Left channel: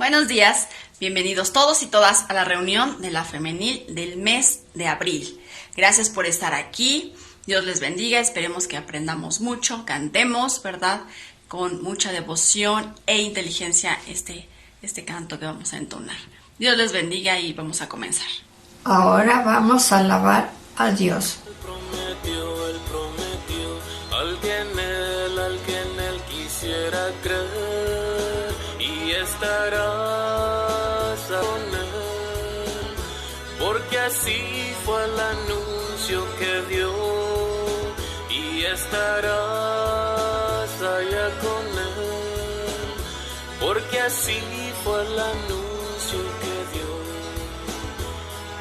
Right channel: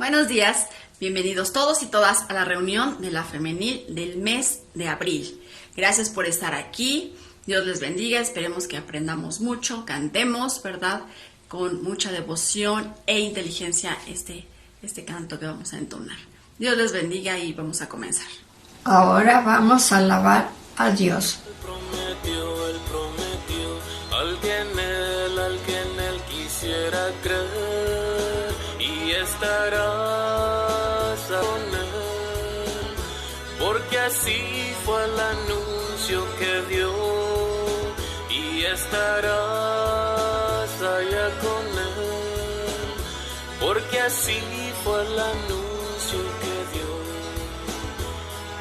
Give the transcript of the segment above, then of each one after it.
Buenos días, bienvenidos todos y todas a la reunión de la femenil del mes de abril. Gracias por estar aquí, Dios les bendiga, esperemos que aprendamos mucho, cantemos, ¿verdad? Con mucha devoción e inteligencia este canto que vamos a entonar. Dios les bendiga y vamos a comenzar. Ahora vamos a alabar a Dios. Él prometió, al que en él quisiera creer, y estarás con él, porque así fue el anuncio que dio, y estarás allá con él, porque así fue el anuncio que dio.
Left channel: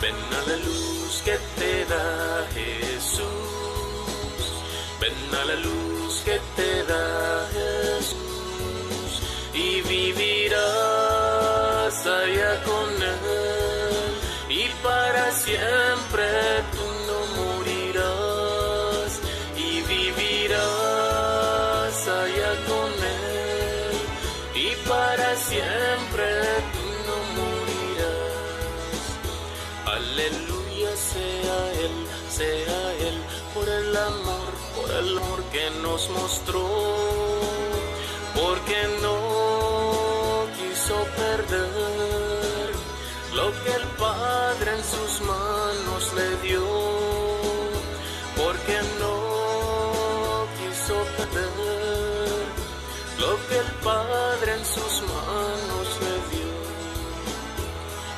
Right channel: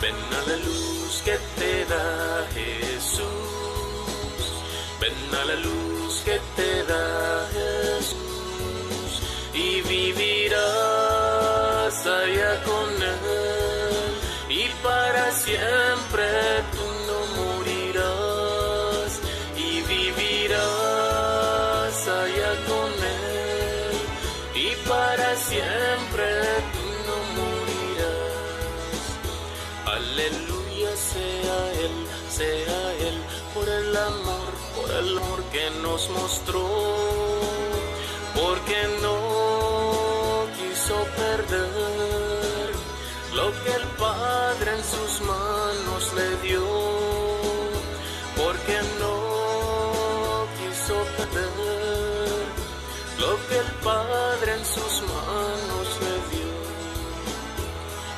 Ven a la luz que te da Jesús, ven a la luz que te da Jesús, y vivirás allá con él, y para siempre tú no morirás, y vivirás allá con él, y para siempre tú no morirás. Aleluya, sea Él, por el amor que nos mostró, porque no quiso perder lo que el Padre en sus manos le dio, porque no quiso perder lo que el Padre en sus manos le dio.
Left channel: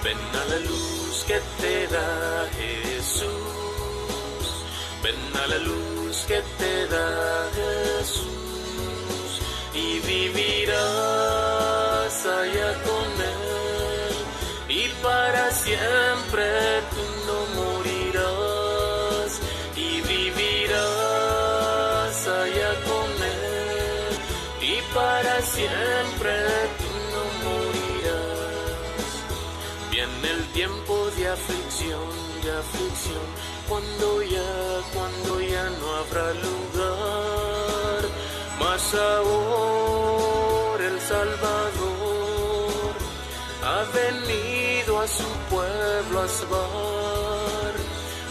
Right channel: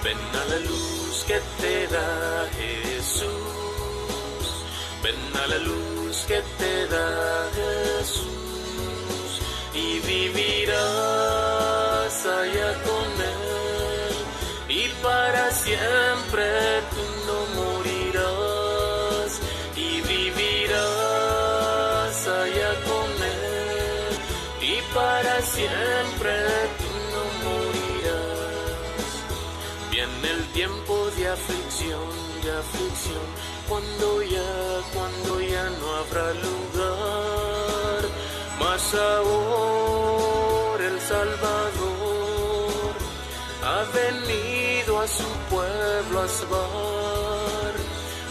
Ven a la luz que te da Jesús, ven a la luz que te da Jesús, y vivirás allá con él, y para siempre tú no morirás, y vivirás allá con él, y para siempre tú no morirás. Viene el tiempo de aflicción, cuando ya no habrá lugar, mas ahora el Salvador ha venido a su pueblo a salvar,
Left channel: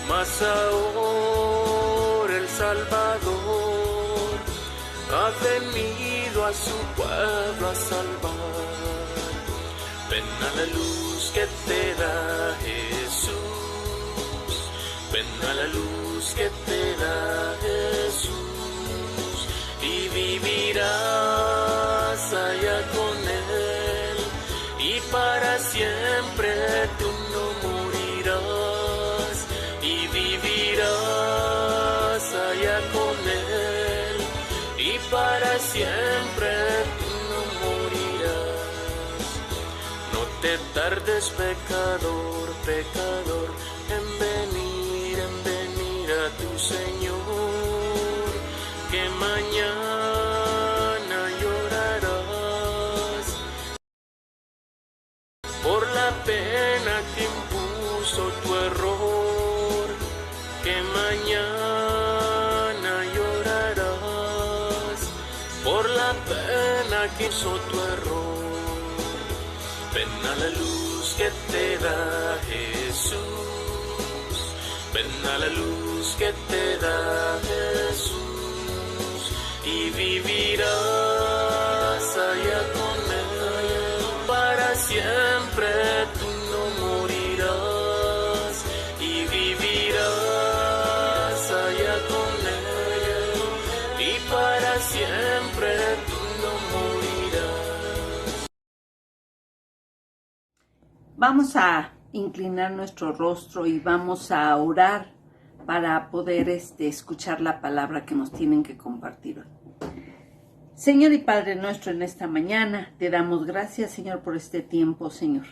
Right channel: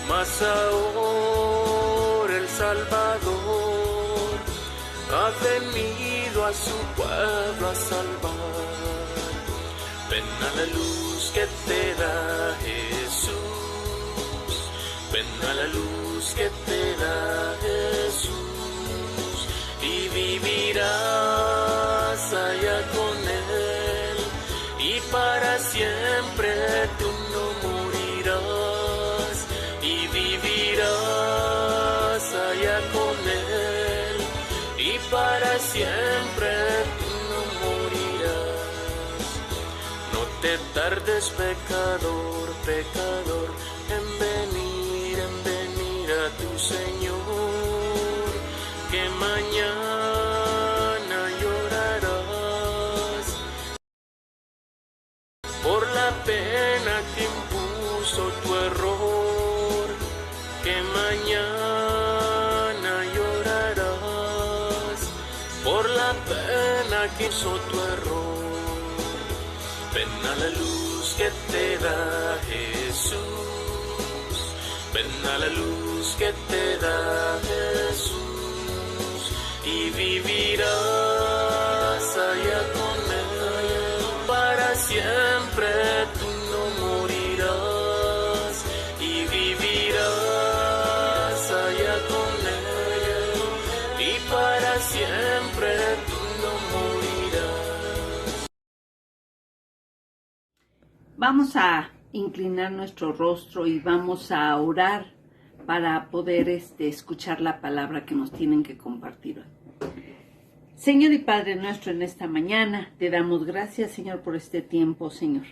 mas ahora el Salvador ha venido a su pueblo a salvar. Ven a la luz que te da Jesús, ven a la luz que te da Jesús, y vivirás allá con él, y para siempre tú no morirás, y vivirás allá con él, y para siempre tú no morirás. No te tardes, pecador, en venir a tu Señor, que mañana llorarás por la pena que impuso tu error, que mañana llorarás por la pena que hizo tu error. Ven a la luz que te da Jesús, ven a la luz que te da Jesús, y vivirás allá con él, para siempre tú no morirás, y vivirás allá con él, y para siempre tú no morirás. Vamos a inclinar nuestro rostro y vamos a orar para poder escuchar la palabra que nos tienen que compartir hoy. Señor y Padre nuestro, en esta mañana te damos gracias, Señor, por este tiempo, Señor,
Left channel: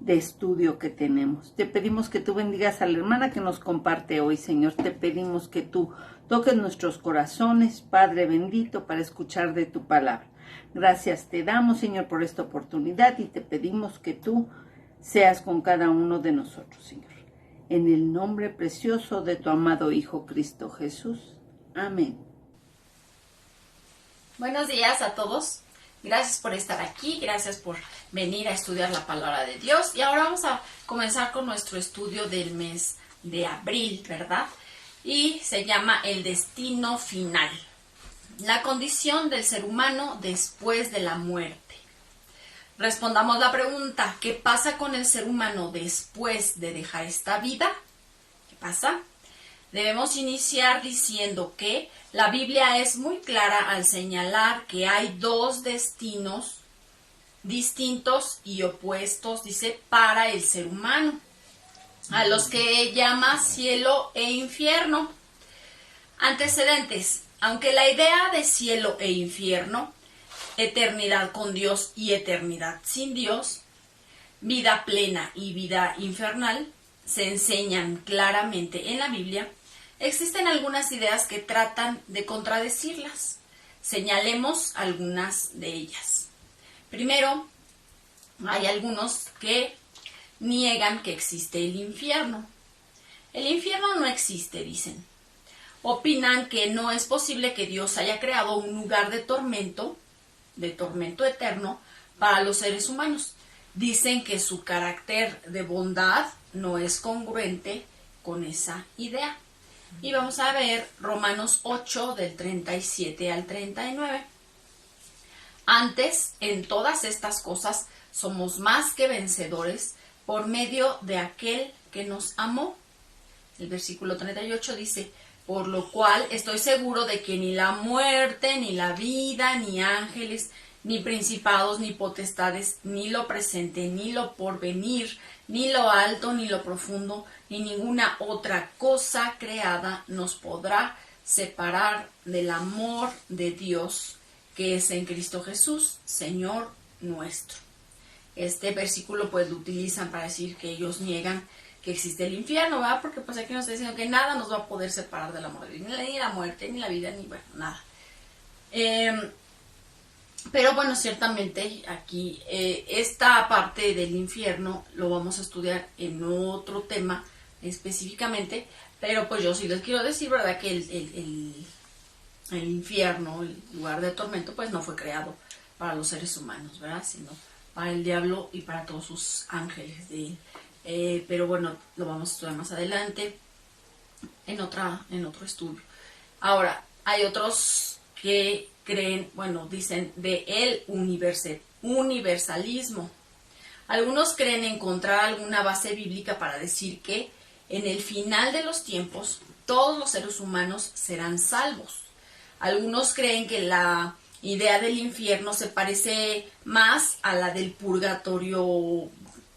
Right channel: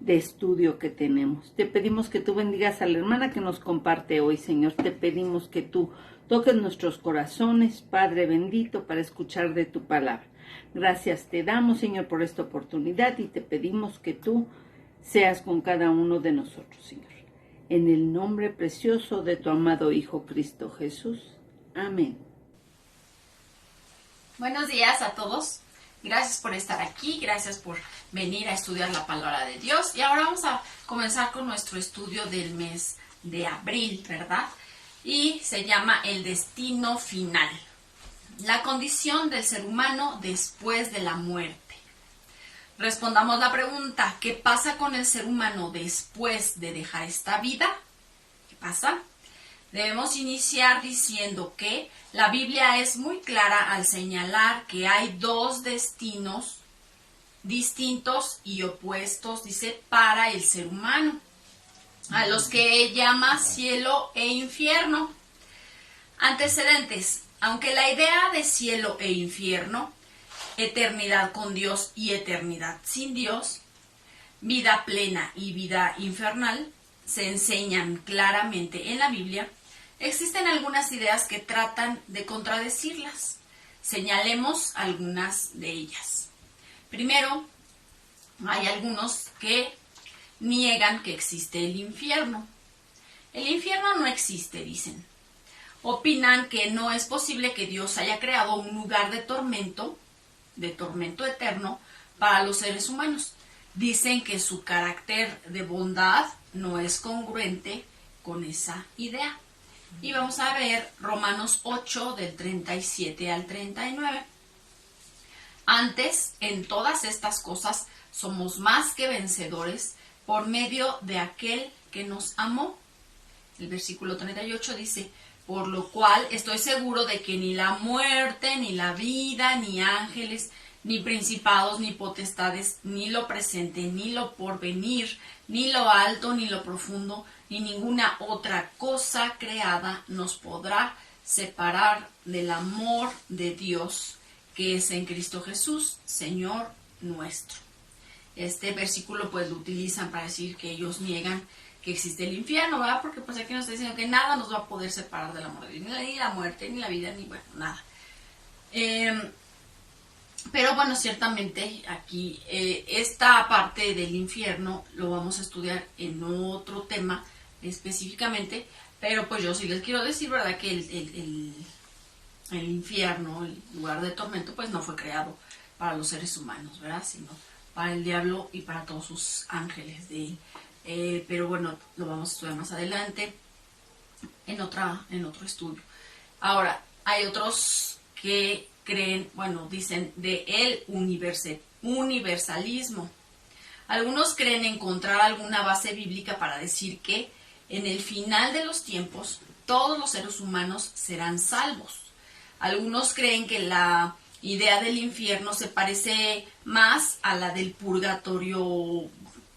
de estudio que tenemos. Te pedimos que tú bendigas a la hermana que nos comparte hoy, Señor. Te pedimos que tú toques nuestros corazones, Padre bendito, para escuchar de tu palabra. Gracias te damos, Señor, por esta oportunidad, y te pedimos que tú seas con cada uno de nosotros, Señor. En el nombre precioso de tu amado Hijo Cristo Jesús. Amén. Buenos días a todos. Gracias por estar aquí, gracias por venir a estudiar la palabra de Dios. Y ahora vamos a comenzar con nuestro estudio del mes de abril, ¿verdad? Y se llama El destino final. La condición del ser humano después de la muerte. Respondamos la pregunta, ¿qué pasa con el ser humano después de dejar esta vida? ¿Qué pasa? Debemos iniciar diciendo que la Biblia es muy clara al señalar que hay dos destinos distintos y opuestos, dice, para el ser humano, a los que llama cielo e infierno. Antecedentes. Aunque la idea de cielo e infierno, eternidad con Dios y eternidad sin Dios, vida plena y vida infernal, se enseñan claramente en la Biblia, existen algunas ideas que tratan de contradecirlas. Señalemos algunas de ellas. Primero, hay algunos que niegan que existe el infierno. El infierno no existe, dicen. Opinan que no es posible que Dios haya creado un lugar de tormento eterno para los seres humanos. Dicen que su carácter de bondad no es congruente con esa idea. Y vamos a ver Romanos 8 del 37 al 39. Antes, en todas estas cosas, somos más que vencedores por medio de aquel que nos amó. El versículo 38 dice, por lo cual estoy seguro de que ni la muerte, ni la vida, ni ángeles, ni principados, ni potestades, ni lo presente, ni lo porvenir, ni lo alto, ni lo profundo, ni ninguna otra cosa creada nos podrá separar del amor de Dios que es en Cristo Jesús, Señor nuestro. Este versículo pues lo utilizan para decir que ellos niegan que existe el infierno, ¿verdad? Porque pues aquí nos está diciendo que nada nos va a poder separar del amor de Dios, ni la muerte, ni la vida, ni bueno, nada. Pero bueno, ciertamente aquí esta parte del infierno lo vamos a estudiar en otro tema específicamente, pero pues yo sí les quiero decir, ¿verdad? Que el infierno, el lugar de tormento, pues no fue creado para los seres humanos, ¿verdad? Sino para el diablo y para todos sus ángeles de él. Pero bueno, lo vamos a estudiar más adelante en otro estudio. Ahora, hay otros que creen, bueno, dicen de el universalismo. Algunos creen encontrar alguna base bíblica para decir que en el final de los tiempos todos los seres humanos serán salvos. Algunos creen que la idea del infierno se parece más a la del purgatorio,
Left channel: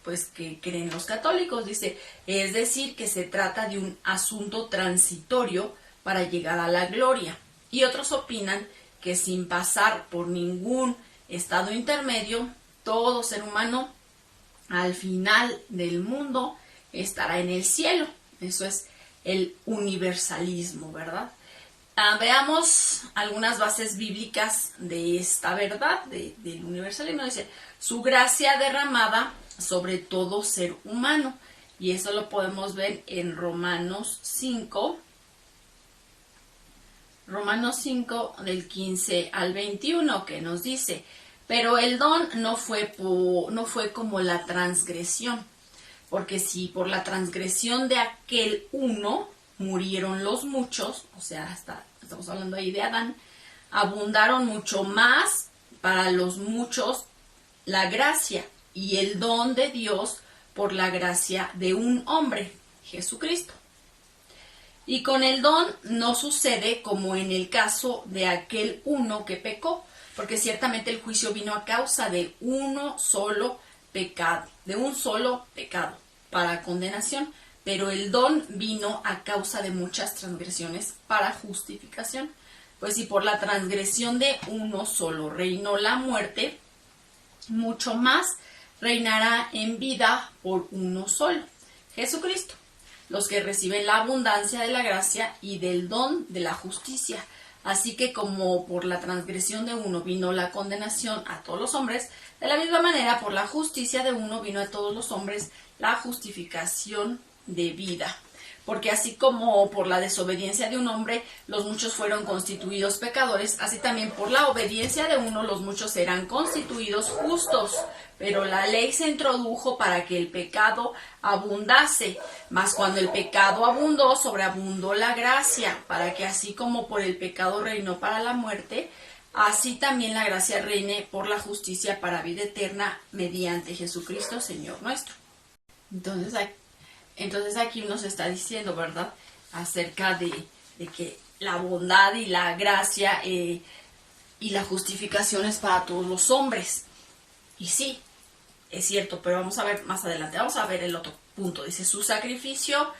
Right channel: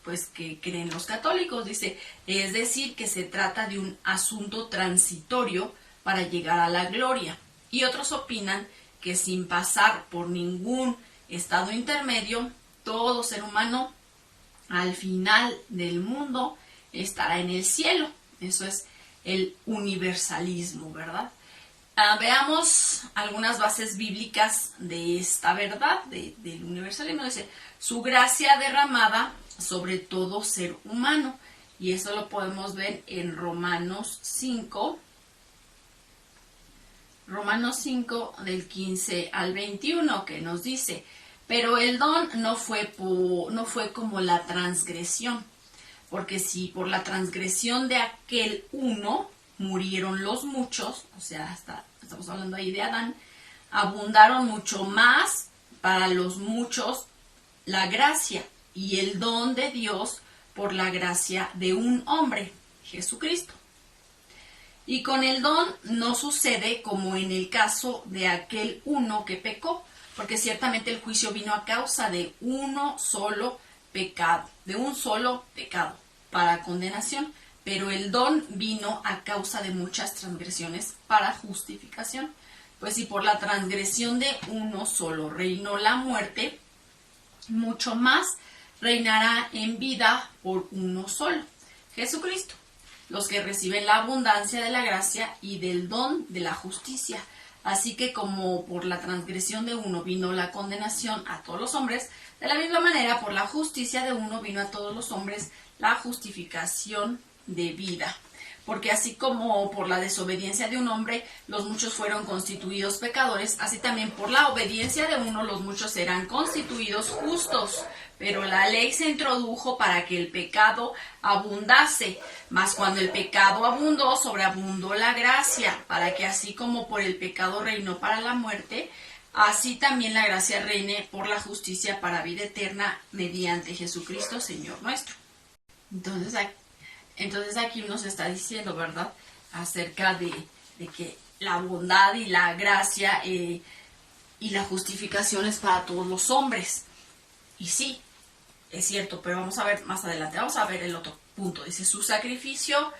pues que creen los católicos, dice, es decir, que se trata de un asunto transitorio para llegar a la gloria. Y otros opinan que sin pasar por ningún estado intermedio, todo ser humano al final del mundo estará en el cielo. Eso es el universalismo, ¿verdad? Veamos algunas bases bíblicas de esta verdad, del universalismo. Dice, su gracia derramada sobre todo ser humano. Y eso lo podemos ver en Romanos 5 del 15 al 21, que nos dice, pero el don no fue como la transgresión, porque si por la transgresión de aquel uno murieron los muchos, o sea, estamos hablando ahí de Adán, abundaron mucho más para los muchos la gracia y el don de Dios por la gracia de un hombre, Jesucristo. Y con el don no sucede como en el caso de aquel uno que pecó, porque ciertamente el juicio vino a causa de un solo pecado para condenación, pero el don vino a causa de muchas transgresiones para justificación. Pues si por la transgresión de uno solo reinó la muerte, mucho más reinará en vida por uno solo, Jesucristo, los que reciben la abundancia de la gracia y del don de la justicia. Así que como por la transgresión de uno vino la condenación a todos los hombres, de la misma manera por la justicia de uno vino a todos los hombres la justificación de vida. Porque así como por la desobediencia de un hombre los muchos fueron constituidos pecadores, así también por la obediencia de uno los muchos serán constituidos justos. Pero la ley se introdujo para que el pecado abundase, mas cuando el pecado abundó, sobreabundó la gracia, para que así como por el pecado reinó para la muerte, así también la gracia reine por la justicia para vida eterna mediante Jesucristo, Señor nuestro. Entonces aquí nos está diciendo, ¿verdad?, acerca de que la bondad y la gracia y la justificación es para todos los hombres. Y sí, es cierto, pero vamos a ver más adelante. Vamos a ver el otro punto. Dice, su sacrificio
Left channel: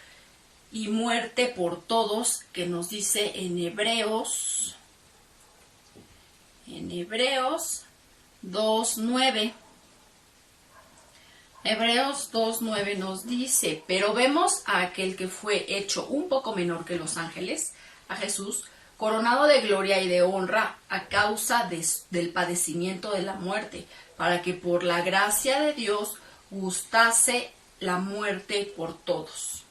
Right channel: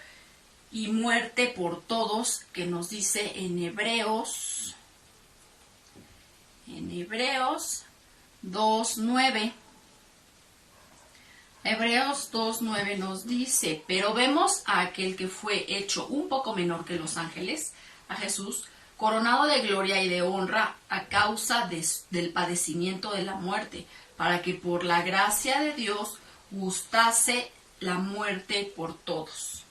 y muerte por todos, que nos dice en Hebreos 2:9. Hebreos 2:9 nos dice, pero vemos a aquel que fue hecho un poco menor que los ángeles, a Jesús, coronado de gloria y de honra a causa del padecimiento de la muerte, para que por la gracia de Dios gustase la muerte por todos.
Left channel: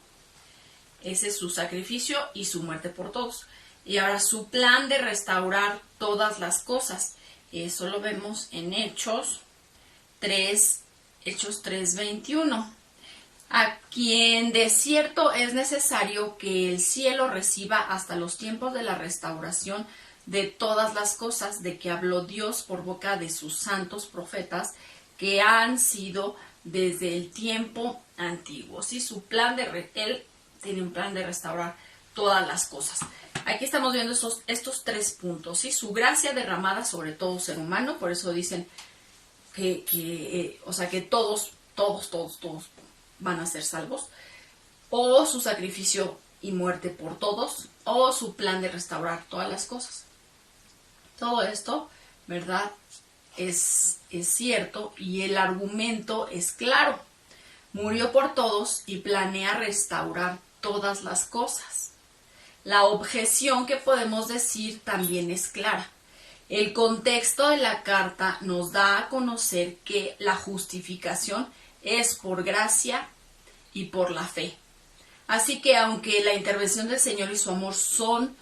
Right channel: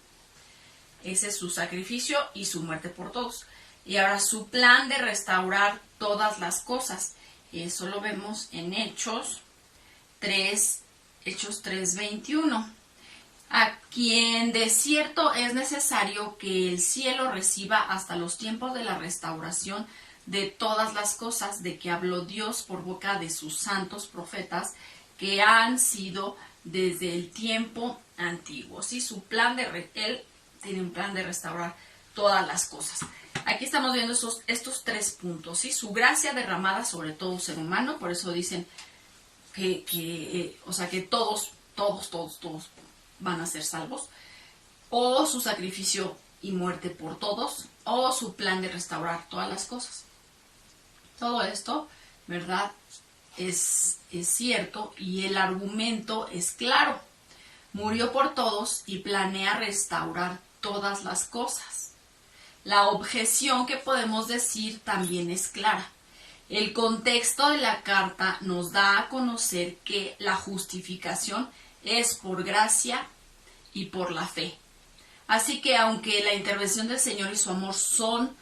Ese es su sacrificio y su muerte por todos. Y ahora su plan de restaurar todas las cosas. Eso lo vemos en Hechos 3:21. A quien de cierto es necesario que el cielo reciba hasta los tiempos de la restauración de todas las cosas de que habló Dios por boca de sus santos profetas que han sido desde el tiempo antiguo. ¿Sí? Su plan él tiene un plan de restaurar todas las cosas. Aquí estamos viendo estos 3 puntos. ¿Sí? Su gracia derramada sobre todo ser humano, por eso dicen que todos van a ser salvos, o su sacrificio y muerte por todos, o su plan de restaurar todas las cosas. Todo esto, ¿verdad?, es cierto, y el argumento es claro. Murió por todos y planea restaurar todas las cosas. La objeción que podemos decir también es clara. El contexto de la carta nos da a conocer que la justificación es por gracia y por la fe. Así que aunque la intervención del Señor y su amor son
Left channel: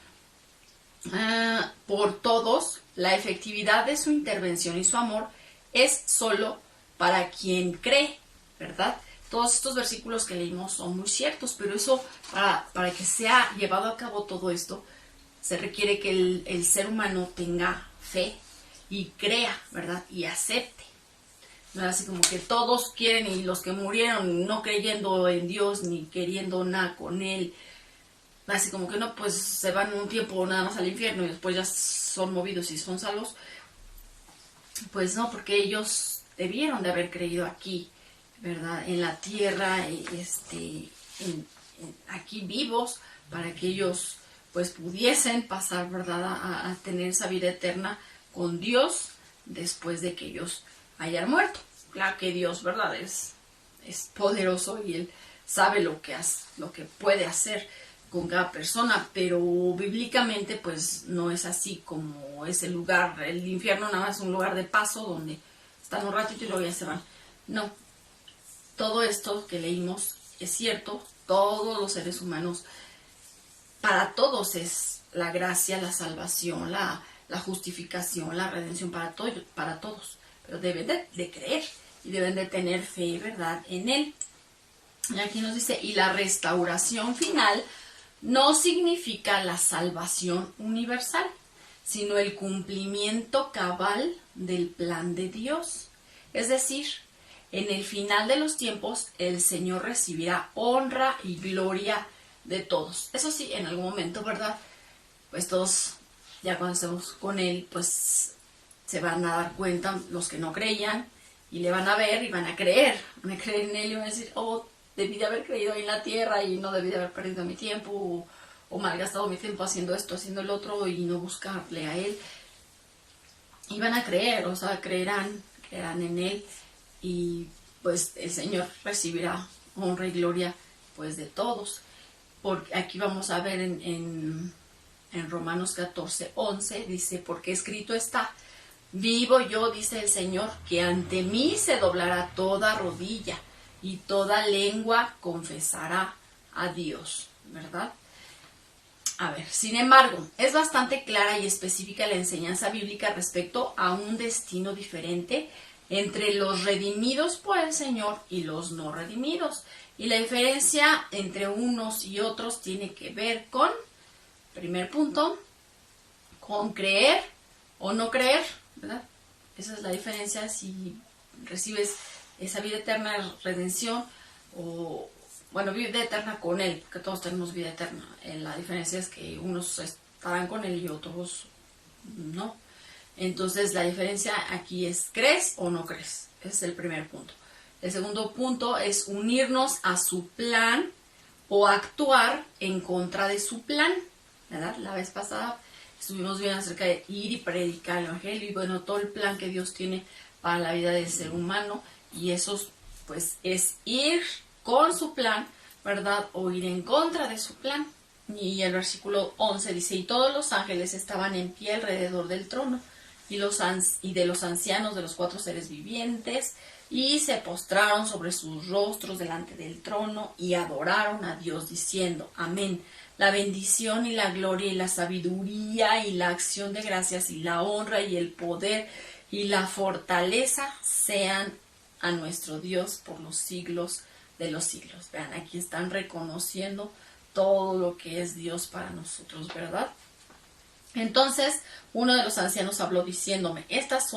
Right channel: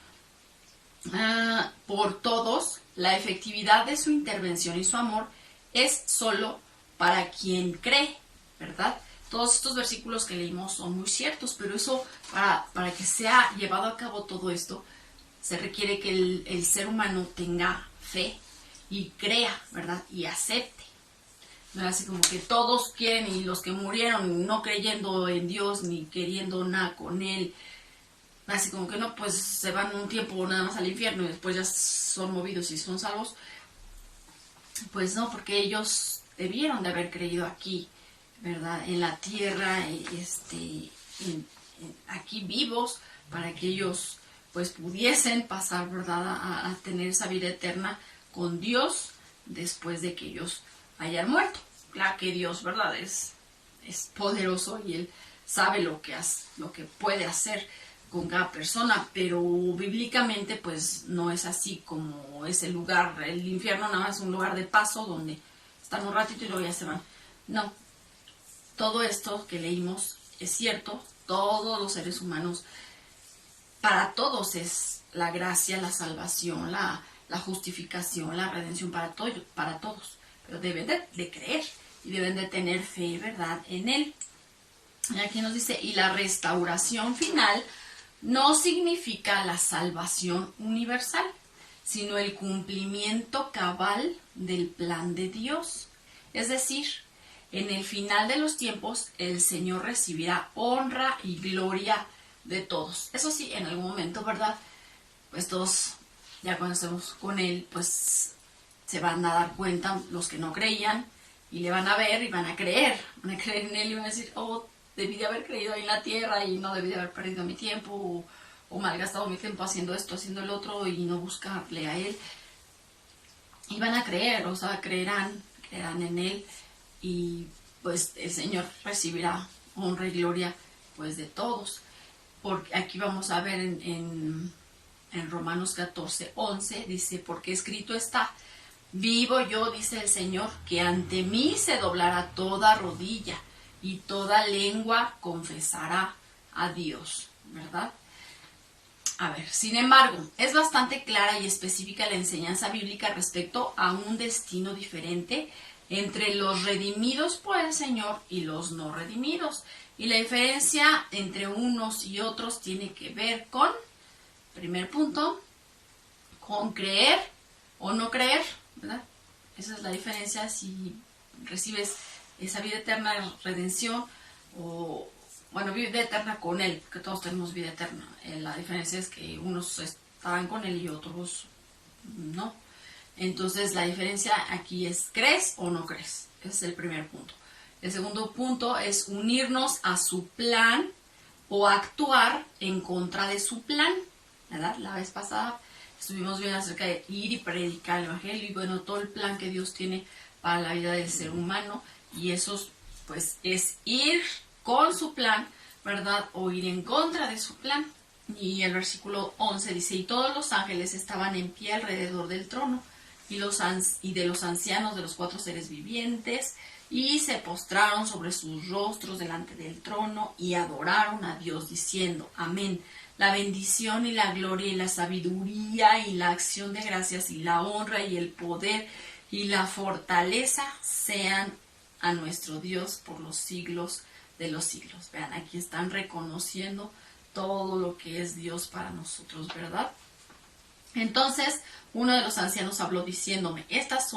por todos, la efectividad de su intervención y su amor es solo para quien cree, ¿verdad? Todos estos versículos que leímos son muy ciertos, pero eso, para que sea llevado a cabo todo esto, se requiere que el ser humano tenga fe y crea, ¿verdad? Y acepte. No es así como que todos quieren, y los que murieron no creyendo en Dios ni queriendo nada con Él, así como que no, pues se van un tiempo nada más al infierno y después ya son movidos y son salvos. Pues no, porque ellos debieron de haber creído aquí, ¿verdad? En la tierra, aquí vivos, para que ellos pues pudiesen pasar, ¿verdad?, a tener esa vida eterna con Dios después de que ellos hayan muerto. Claro que Dios, ¿verdad?, es poderoso y Él sabe lo que puede hacer con cada persona, pero bíblicamente pues no es así como ese lugar. El infierno nada más es un lugar de paso donde están un ratito y luego ya se van. No, todo esto que leímos es cierto. Todos los seres humanos, para todos es la gracia, la salvación, la justificación, la redención, para todos. Pero deben de creer y deben de tener fe, ¿verdad?, en Él. Y aquí nos dice, y la restauración final no significa la salvación universal, sino el cumplimiento cabal del plan de Dios. Es decir, en el final de los tiempos, el Señor recibirá honra y gloria de todos. Eso sí, en algún momento, ¿verdad?, pues todos, ya cuando estemos con Él, pues se van a dar cuenta los que no creían, y le van a ver y van a creer en Él y van a decir, oh, debí de haber creído ahí en la tierra y no debí de haber perdido mi tiempo o malgastado mi tiempo haciendo esto, haciendo el otro y no buscarle a Él. Y van a creer, o sea, creerán en Él, y pues el Señor recibirá honra y gloria pues de todos. Porque aquí vamos a ver en Romanos 14:11, dice, porque escrito está, vivo yo, dice el Señor, que ante mí se doblará toda rodilla y toda lengua confesará a Dios, ¿verdad? A ver, sin embargo, es bastante clara y específica la enseñanza bíblica respecto a un destino diferente entre los redimidos por el Señor y los no redimidos. Y la diferencia entre unos y otros tiene que ver con, primer punto, con creer o no creer, ¿verdad? Esa es la diferencia si recibes esa vida eterna, redención, o, bueno, vida eterna con Él, porque todos tenemos vida eterna. La diferencia es que unos estarán con Él y otros no. Entonces, la diferencia aquí es, ¿crees o no crees? Ese es el primer punto. El segundo punto es unirnos a su plan o actuar en contra de su plan, ¿verdad? La vez pasada estuvimos viendo acerca de ir y predicar el evangelio y bueno, todo el plan que Dios tiene para la vida del ser humano, y eso pues es ir con su plan, ¿verdad? O ir en contra de su plan. Y el versículo 11 dice, y todos los ángeles estaban en pie alrededor del trono y de los ancianos de los 4 seres vivientes, y se postraron sobre sus rostros delante del trono y adoraron a Dios diciendo, amén. La bendición y la gloria y la sabiduría y la acción de gracias y la honra y el poder y la fortaleza sean a nuestro Dios por los siglos de los siglos. Vean, aquí están reconociendo todo lo que es Dios para nosotros, ¿verdad? Entonces, uno de los ancianos habló diciéndome, estos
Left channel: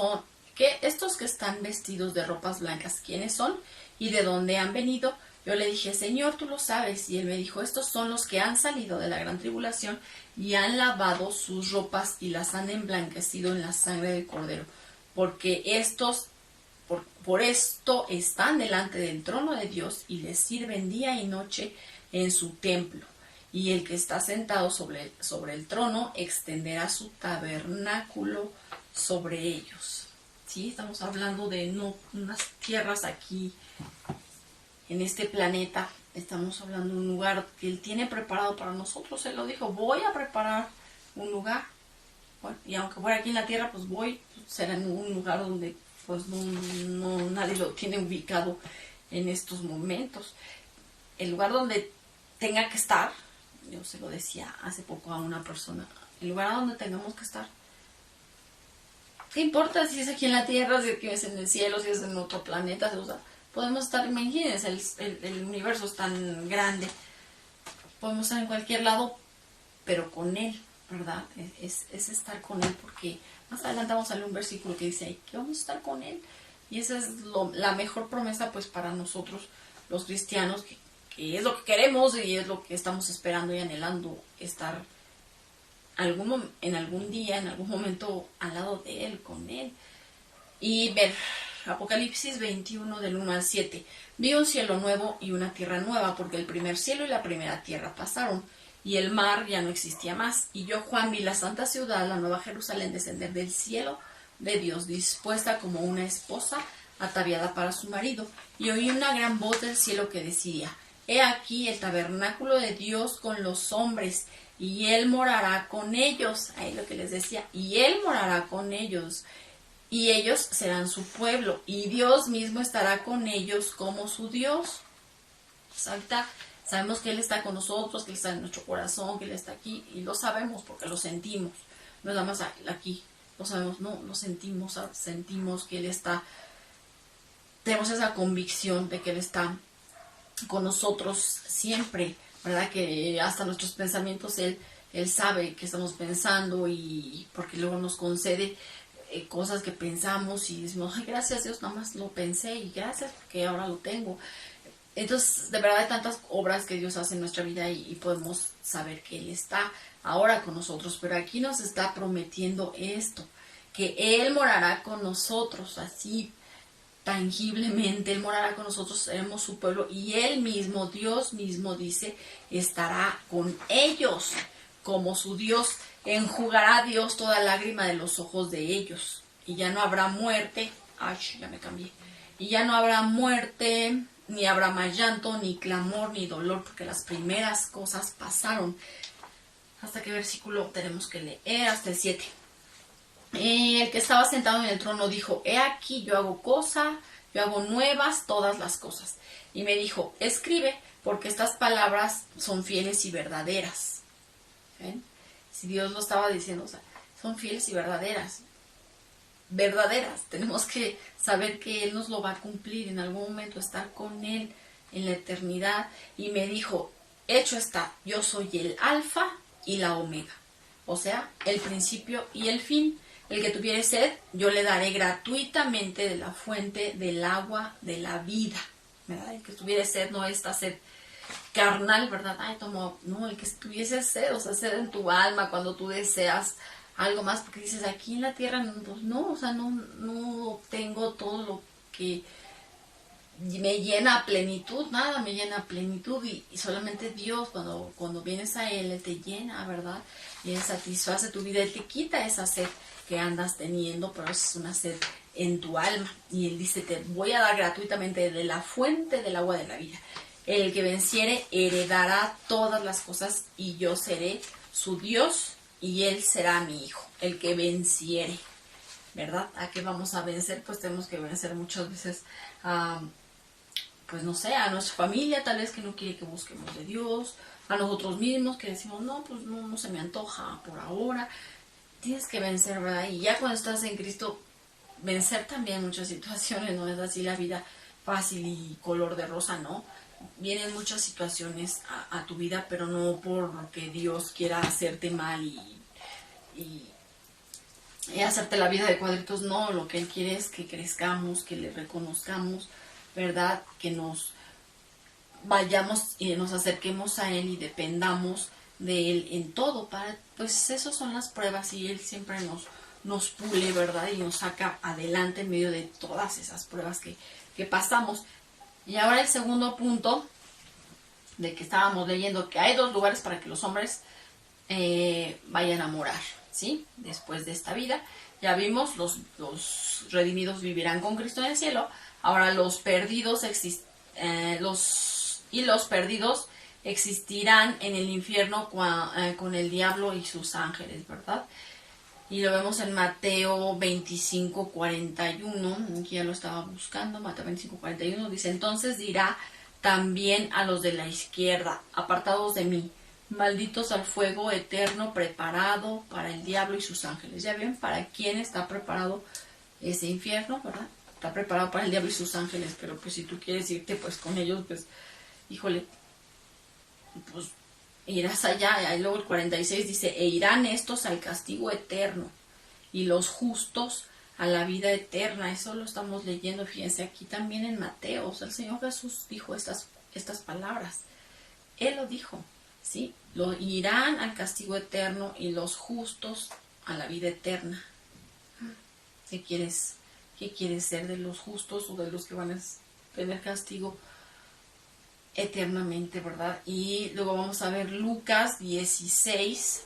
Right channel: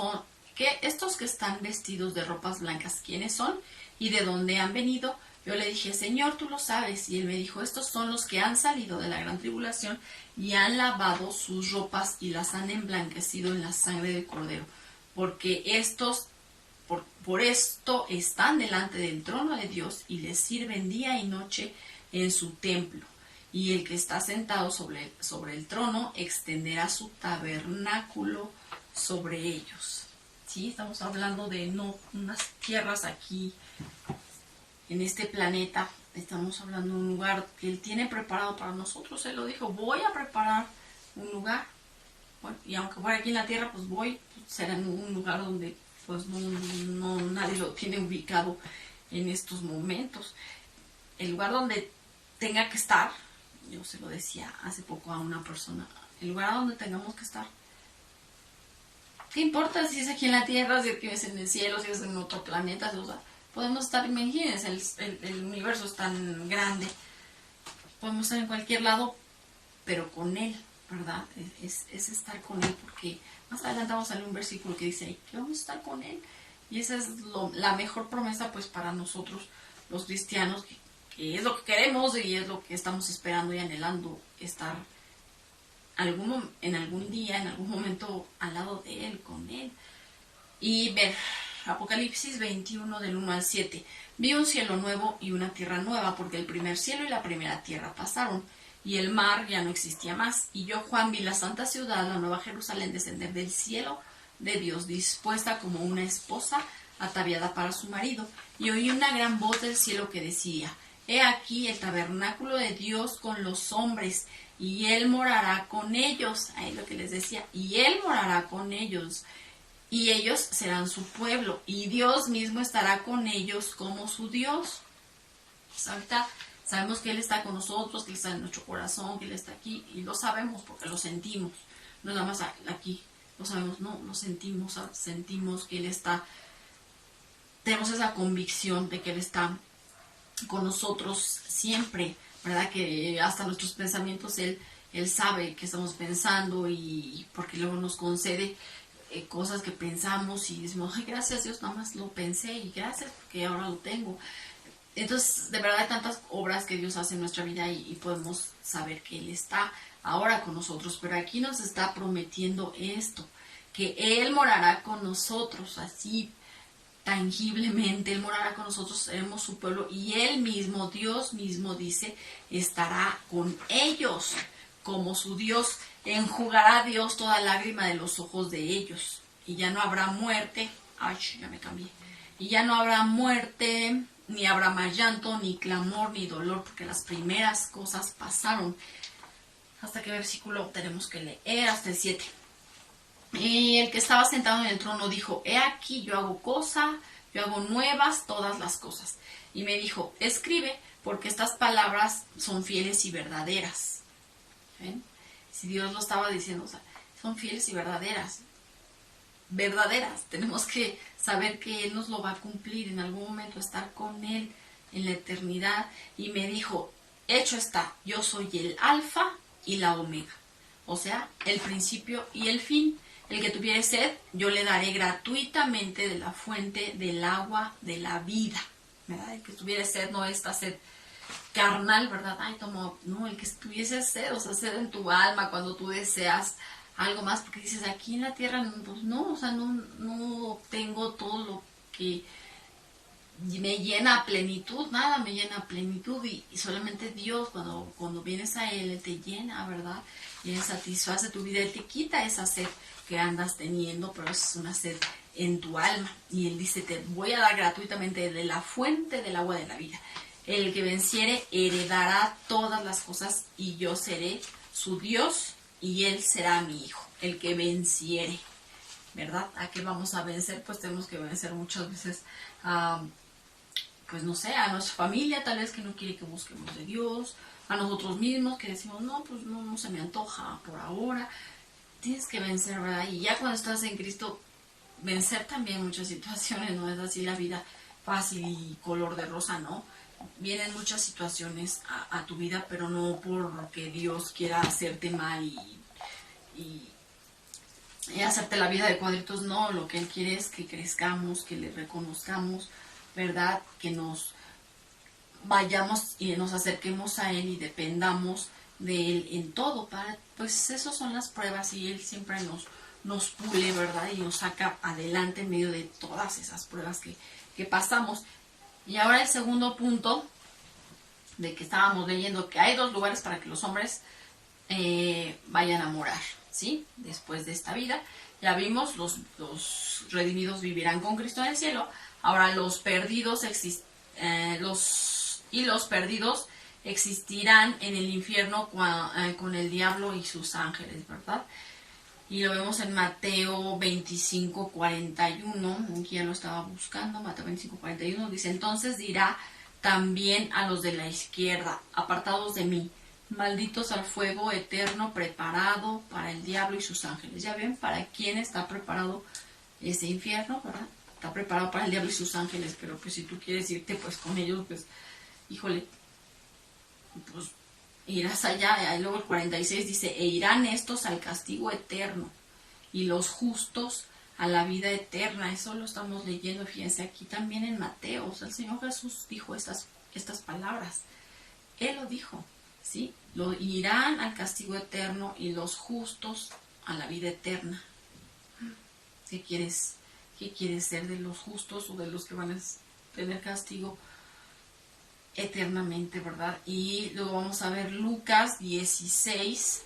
que están vestidos de ropas blancas, ¿quiénes son? ¿Y de dónde han venido? Yo le dije, Señor, tú lo sabes. Y él me dijo, estos son los que han salido de la gran tribulación y han lavado sus ropas y las han emblanquecido en la sangre del Cordero. Porque estos, por esto están delante del trono de Dios y les sirven día y noche en su templo. Y el que está sentado sobre el trono extenderá su tabernáculo sobre ellos. Sí, estamos hablando de no unas tierras aquí en este planeta. Estamos hablando de un lugar que Él tiene preparado para nosotros. Él lo dijo, voy a preparar un lugar. Bueno, y aunque fuera aquí en la tierra, pues será en un lugar donde pues no nadie lo tiene ubicado en estos momentos. El lugar donde tenga que estar, yo se lo decía hace poco a una persona, el lugar donde tengamos que estar. ¿Qué importa si es aquí en la tierra, si es en el cielo, si es en otro planeta? O sea, podemos estar, imagínense, el universo es tan grande. Podemos estar en cualquier lado, pero con Él, ¿verdad? Es estar con Él, porque más adelante vamos a leer un versículo que dice ahí que vamos a estar con Él. Y esa es la mejor promesa pues para nosotros los cristianos, que es lo que queremos y es lo que estamos esperando y anhelando, estar en algún día, en algún momento al lado de Él, con Él. Y ver Apocalipsis 21 del 1 al 7. Vi un cielo nuevo y una tierra nueva, porque el primer cielo y la primera tierra pasaron, y el mar ya no existía más. Y yo, Juan, vi la santa ciudad, la nueva Jerusalén, descender del cielo de Dios, dispuesta como una esposa ataviada para su marido. Y oí una gran voz del cielo que decía, he aquí el tabernáculo de Dios con los hombres, y Él morará con ellos. Ahí lo que les decía, y Él morará con ellos, y ellos serán su pueblo, y Dios mismo estará con ellos como su Dios. Pues ahorita sabemos que Él está con nosotros, que Él está en nuestro corazón, que Él está aquí, y lo sabemos porque lo sentimos. No es nada más aquí, lo sabemos, no, lo sentimos que Él está, tenemos esa convicción de que Él está con nosotros siempre, ¿verdad? Que hasta nuestros pensamientos Él sabe que estamos pensando, y porque luego nos concede cosas que pensamos y decimos, ay, gracias Dios, nada más lo pensé y gracias porque ahora lo tengo. Entonces, de verdad hay tantas obras que Dios hace en nuestra vida y podemos saber que Él está ahora con nosotros, pero aquí nos está prometiendo esto, que Él morará con nosotros así tangiblemente. Él morará con nosotros, seremos su pueblo, y Él mismo, Dios mismo dice, estará con ellos como su Dios. Enjugará Dios toda lágrima de los ojos de ellos, y ya no habrá muerte. Ay, ya me cambié. Y ya no habrá muerte, ni habrá más llanto, ni clamor, ni dolor, porque las primeras cosas pasaron. ¿Hasta qué versículo tenemos que leer? Hasta el 7. Y el que estaba sentado en el trono dijo, he aquí, yo hago nuevas todas las cosas. Y me dijo, escribe, porque estas palabras son fieles y verdaderas. ¿Ven? Si Dios lo estaba diciendo, o sea, son fieles y verdaderas. Verdaderas. Tenemos que saber que Él nos lo va a cumplir en algún momento, estar con Él en la eternidad. Y me dijo, hecho está, yo soy el alfa y la omega. O sea, el principio y el fin. El que tuviere sed, yo le daré gratuitamente de la fuente del agua de la vida. ¿Verdad? El que tuviere sed, no esta sed carnal, ¿verdad? Ay, tomo, no, el que tuviese sed, o sea, sed en tu alma cuando tú deseas algo más, porque dices, aquí en la tierra, pues no, o sea, no tengo todo lo que me llena a plenitud, nada me llena a plenitud, y solamente Dios, cuando vienes a Él te llena, ¿verdad? Y Él satisface tu vida, Él te quita esa sed que andas teniendo, pero es una sed en tu alma. Y Él dice, te voy a dar gratuitamente de la fuente del agua de la vida. El que venciere heredará todas las cosas y yo seré su Dios y Él será mi hijo. El que venciere, ¿verdad? ¿A qué vamos a vencer? Pues tenemos que vencer muchas veces pues no sé, a nuestra familia tal vez que no quiere que busquemos de Dios, a nosotros mismos que decimos, no, pues no se me antoja por ahora. Tienes que vencer, ¿verdad? Y ya cuando estás en Cristo, vencer también muchas situaciones, no es así la vida fácil y color de rosa, ¿no? Vienen muchas situaciones a tu vida, pero no porque Dios quiera hacerte mal y hacerte la vida de cuadritos, no, lo que Él quiere es que crezcamos, que le reconozcamos, ¿verdad? Que nos vayamos y nos acerquemos a Él y dependamos de Él en todo. Pues esas son las pruebas y Él siempre nos pule, ¿verdad? Y nos saca adelante en medio de todas esas pruebas que pasamos. Y ahora el segundo punto de que estábamos leyendo, que hay 2 lugares para que los hombres vayan a morar, ¿sí? Después de esta vida. Ya vimos, los redimidos vivirán con Cristo en el cielo. Ahora los perdidos los perdidos existirán en el infierno con el diablo y sus ángeles, ¿verdad? Y lo vemos en Mateo 25:41, aquí ya lo estaba buscando, Mateo 25:41, dice, entonces dirá también a los de la izquierda, apartados de mí, malditos al fuego eterno preparado para el diablo y sus ángeles. Ya ven para quién está preparado ese infierno, ¿verdad? Está preparado para el diablo y sus ángeles, pero pues si tú quieres irte pues con ellos, pues híjole, pues irás allá. Y luego el 46 dice, e irán estos al castigo eterno y los justos a la vida eterna. Eso lo estamos leyendo, fíjense, aquí también en Mateo. O sea, el Señor Jesús dijo estas palabras. Él lo dijo, ¿sí? Lo irán al castigo eterno y los justos a la vida eterna. ¿Qué quieres ser, de los justos o de los que van a tener castigo eternamente, ¿verdad? Y luego vamos a ver Lucas 16,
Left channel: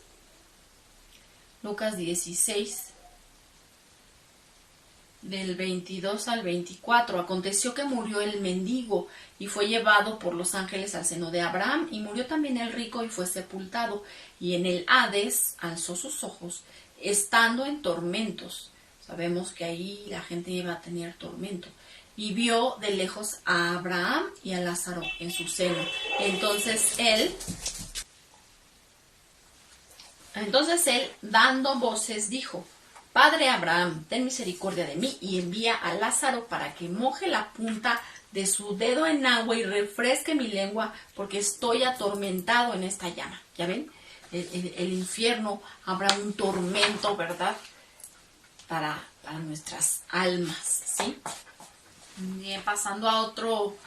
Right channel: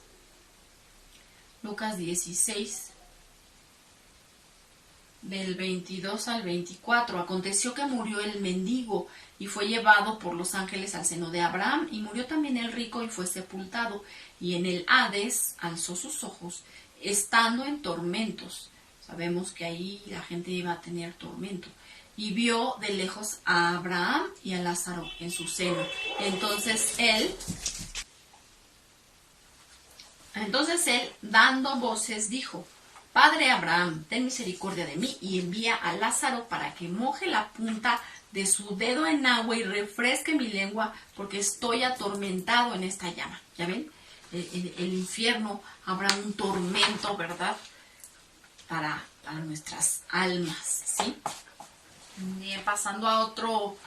del 22 al 24. Aconteció que murió el mendigo y fue llevado por los ángeles al seno de Abraham, y murió también el rico y fue sepultado, y en el Hades alzó sus ojos, estando en tormentos. Sabemos que ahí la gente iba a tener tormento. Y vio de lejos a Abraham y a Lázaro en su seno. Entonces él, dando voces, dijo, Padre Abraham, ten misericordia de mí y envía a Lázaro para que moje la punta de su dedo en agua y refresque mi lengua, porque estoy atormentado en esta llama. ¿Ya ven? El infierno, habrá un tormento, ¿verdad? Para nuestras almas, ¿sí? Bien, pasando a otro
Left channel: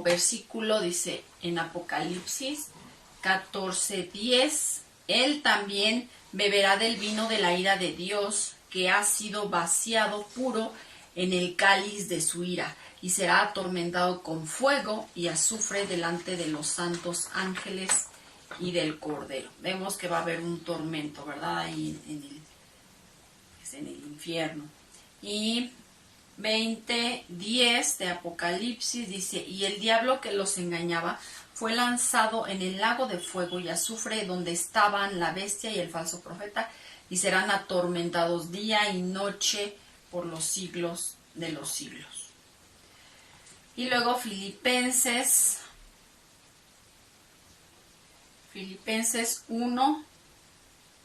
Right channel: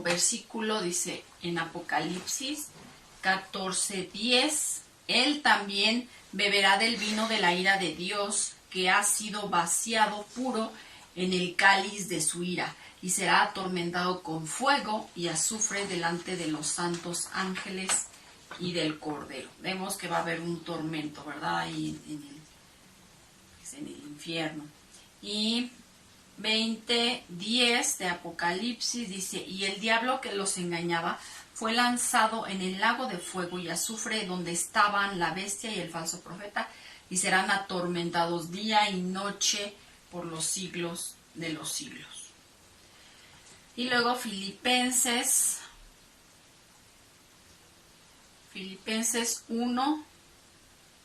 versículo, dice en Apocalipsis 14:10, él también beberá del vino de la ira de Dios, que ha sido vaciado puro en el cáliz de su ira, y será atormentado con fuego y azufre delante de los santos ángeles y del Cordero. Vemos que va a haber un tormento, ¿verdad? Ahí en el infierno. Y 20:10 de Apocalipsis dice, y el diablo que los engañaba fue lanzado en el lago de fuego y azufre, donde estaban la bestia y el falso profeta, y serán atormentados día y noche por los siglos de los siglos. Y luego Filipenses Filipenses 1,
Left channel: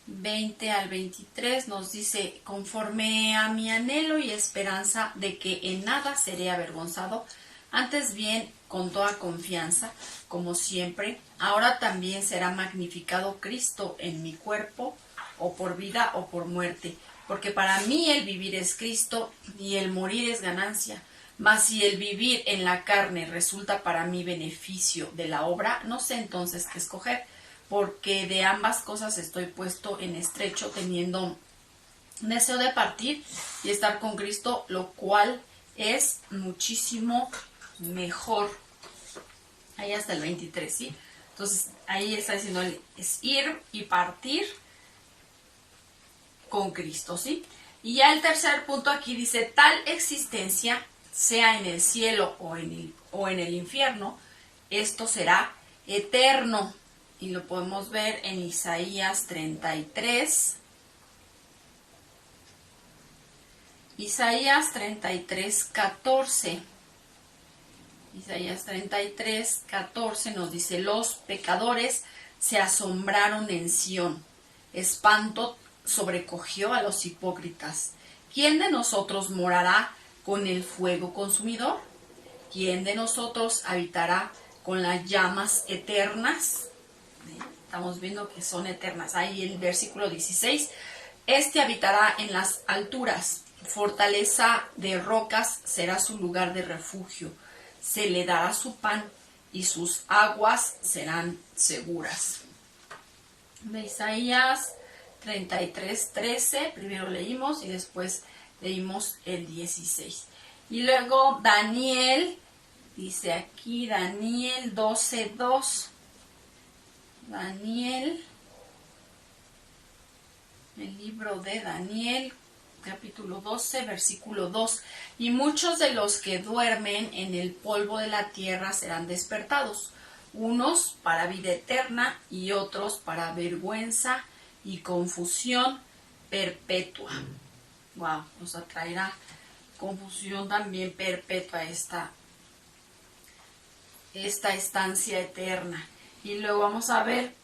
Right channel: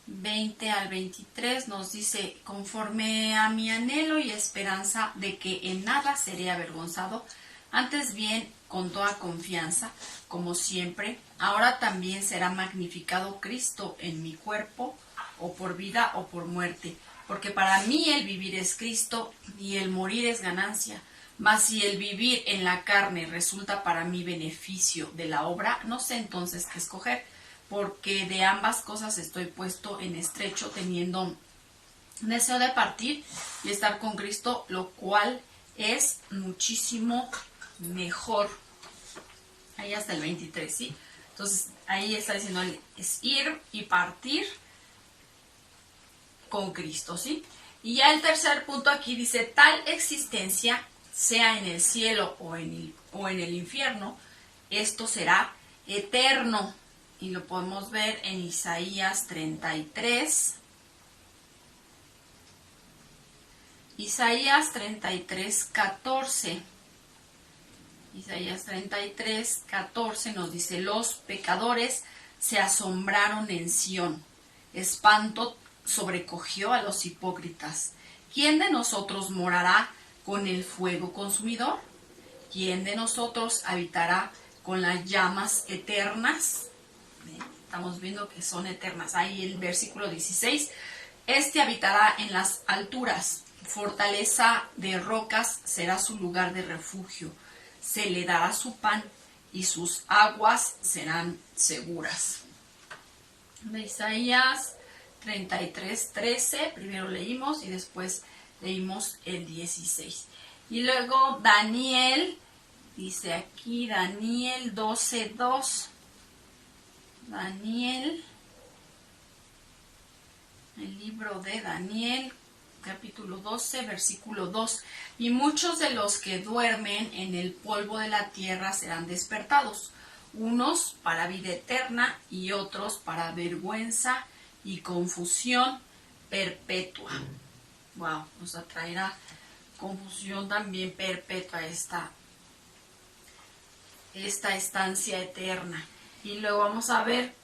20 al 23 nos dice, conforme a mi anhelo y esperanza de que en nada seré avergonzado, antes bien con toda confianza, como siempre, ahora también será magnificado Cristo en mi cuerpo, o por vida o por muerte, porque para mí el vivir es Cristo y el morir es ganancia. Mas si el vivir en la carne resulta para mí beneficio de la obra, no sé entonces qué escoger, porque de ambas cosas estoy puesto en estrecho, teniendo deseo de partir y estar con Cristo, lo cual es muchísimo mejor. Ahí hasta el 23, ¿sí? Entonces, ahí está diciendo, es ir y partir con Cristo, ¿sí? Y ya el tercer punto aquí dice, tal existencia, sea en el cielo o en el infierno, esto será eterno. Y lo podemos ver en Isaías 33. Isaías 33, 14. Isaías 33, 14 nos dice, los pecadores se asombraron en Sión, espanto sobrecogió a los hipócritas. ¿Quién de nosotros morará con el fuego consumidor? ¿Quién de nosotros habitará con las llamas eternas? Estamos viendo que son eternas. Ahí el versículo 16. Este habitará en las alturas, fortaleza de rocas será su lugar de refugio. Se le dará su pan y sus aguas serán seguras. De Isaías 33, 13, primero leímos y después leímos el 16. Y luego Daniel, dice aquí Daniel 12, 2. Daniel, el libro de Daniel, capítulo 12, versículo 2. Y muchos de los que duermen en el polvo de la tierra serán despertados, unos para vida eterna y otros para vergüenza y confusión perpetua. Wow, nos atraerá confusión también perpetua esta estancia eterna. Y luego vamos a ver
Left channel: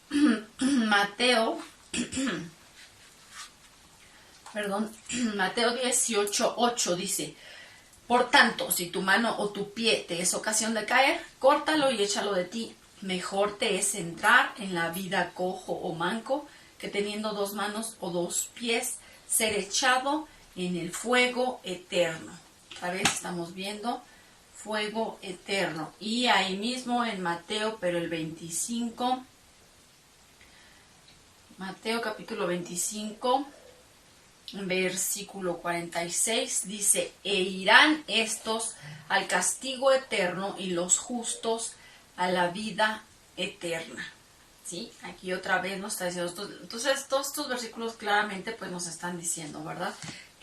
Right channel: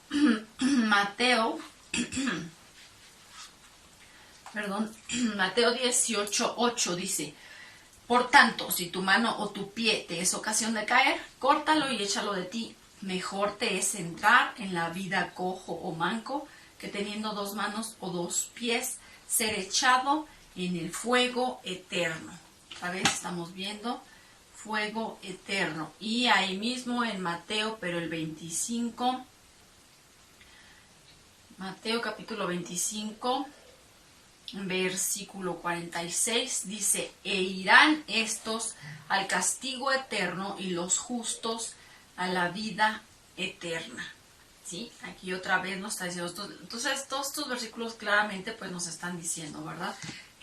Mateo 18:8 dice, por tanto, si tu mano o tu pie te es ocasión de caer, córtalo y échalo de ti. Mejor te es entrar en la vida cojo o manco, que teniendo 2 manos o 2 pies, ser echado en el fuego eterno. Otra vez estamos viendo fuego eterno. Y ahí mismo en Mateo, pero el 25, Mateo capítulo 25, versículo 46, dice, e irán estos al castigo eterno y los justos a la vida eterna. ¿Sí? Aquí otra vez nos está diciendo, entonces todos estos versículos claramente pues nos están diciendo, ¿verdad?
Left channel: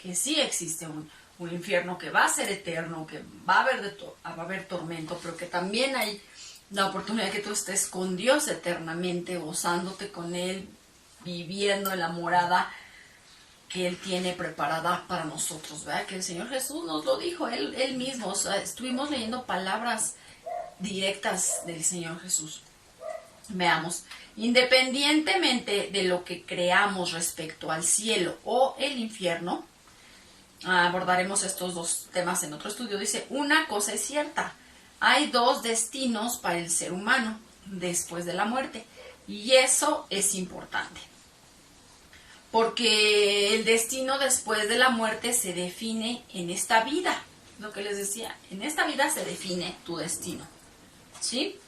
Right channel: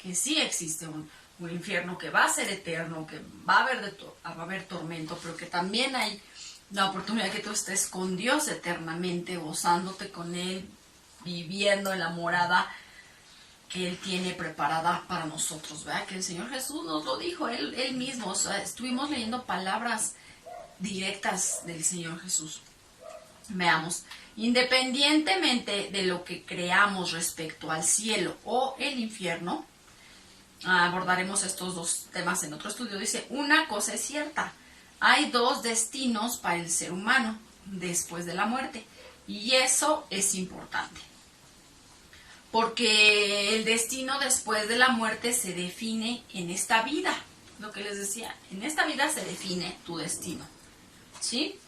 Que sí existe un infierno que va a ser eterno, que va a haber tormento, pero que también hay la oportunidad de que tú estés con Dios eternamente, gozándote con Él, viviendo en la morada que Él tiene preparada para nosotros, ¿verdad? Que el Señor Jesús nos lo dijo, Él mismo, o sea, estuvimos leyendo palabras directas del Señor Jesús. Veamos, independientemente de lo que creamos respecto al cielo o el infierno, abordaremos estos 2 temas en otro estudio. Dice, una cosa es cierta, hay 2 destinos para el ser humano después de la muerte, y eso es importante, porque el destino después de la muerte se define en esta vida, lo que les decía, en esta vida se define tu destino, ¿sí?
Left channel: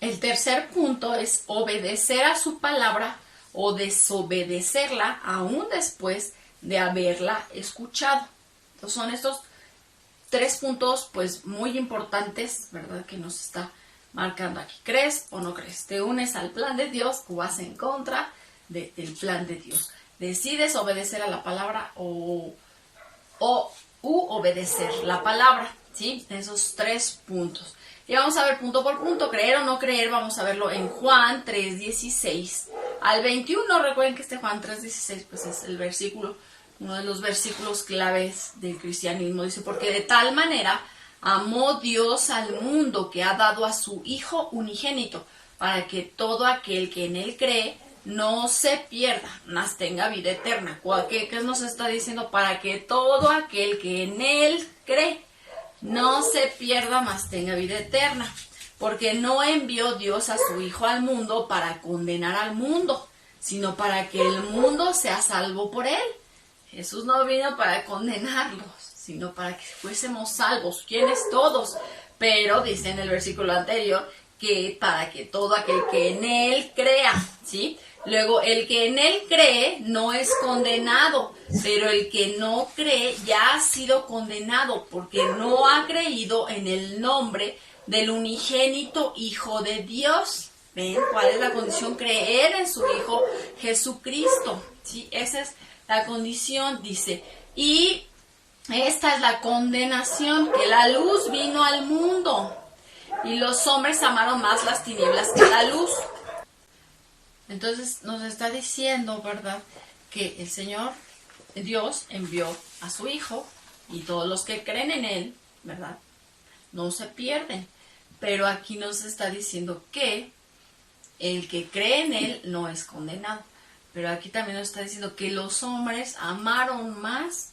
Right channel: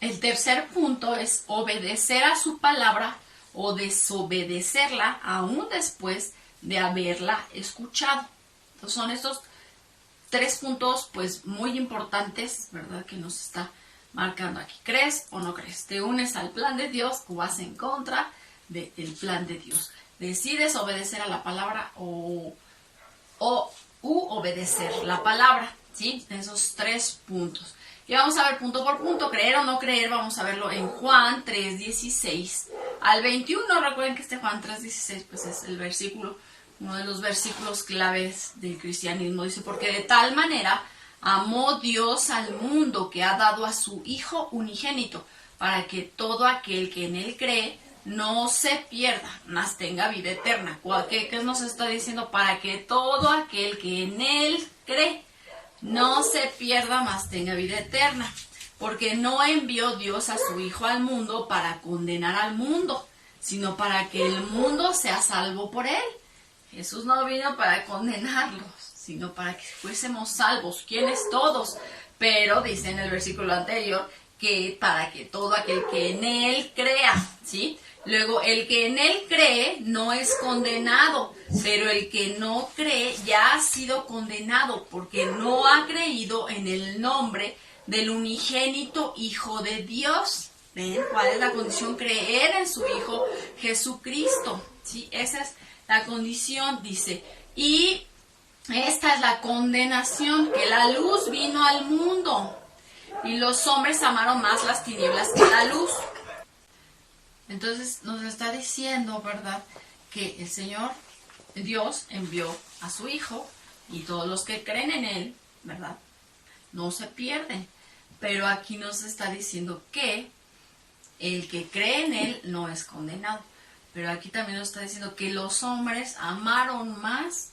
El tercer punto es obedecer a su palabra o desobedecerla aún después de haberla escuchado. Entonces son estos 3 puntos pues muy importantes, ¿verdad? Que nos está marcando aquí. ¿Crees o no crees? ¿Te unes al plan de Dios o vas en contra del plan de Dios? ¿Decides obedecer a la palabra u obedecer la palabra? ¿Sí? Esos 3 puntos. Y vamos a ver punto por punto, creer o no creer, vamos a verlo en Juan 3:16 al 21. Recuerden que este Juan 3:16 pues es el versículo, uno de los versículos claves del cristianismo. Dice, porque de tal manera amó Dios al mundo que ha dado a su Hijo unigénito, para que todo aquel que en él cree no se pierda, mas tenga vida eterna. ¿Qué nos está diciendo? Para que todo aquel que en él cree no se pierda, mas tenga vida eterna. Porque no envió Dios a su Hijo al mundo para condenar al mundo, sino para que el mundo sea salvo por él. Jesús no vino para condenarlos, sino para que fuésemos salvos. ¿Quiénes? Todos. Pero dice en el versículo anterior que para que todo aquel que en él crea, ¿sí? Luego, el que en él cree no es condenado, pero el que no cree ya ha sido condenado porque no ha creído en el nombre del unigénito Hijo de Dios. ¿Ven cuál es la condición? Creer en su Hijo Jesucristo, ¿sí? Esa es la condición, dice. Y esta es la condenación, que la luz vino al mundo y los hombres amaron más las tinieblas que la luz. Entonces nos está diciendo, ¿verdad?, que el Señor Dios envió a su Hijo y todos los que creen en Él, ¿verdad?, no se pierden. Pero aquí nos está diciendo que el que cree en Él no es condenado. Pero aquí también nos está diciendo que los hombres amaron más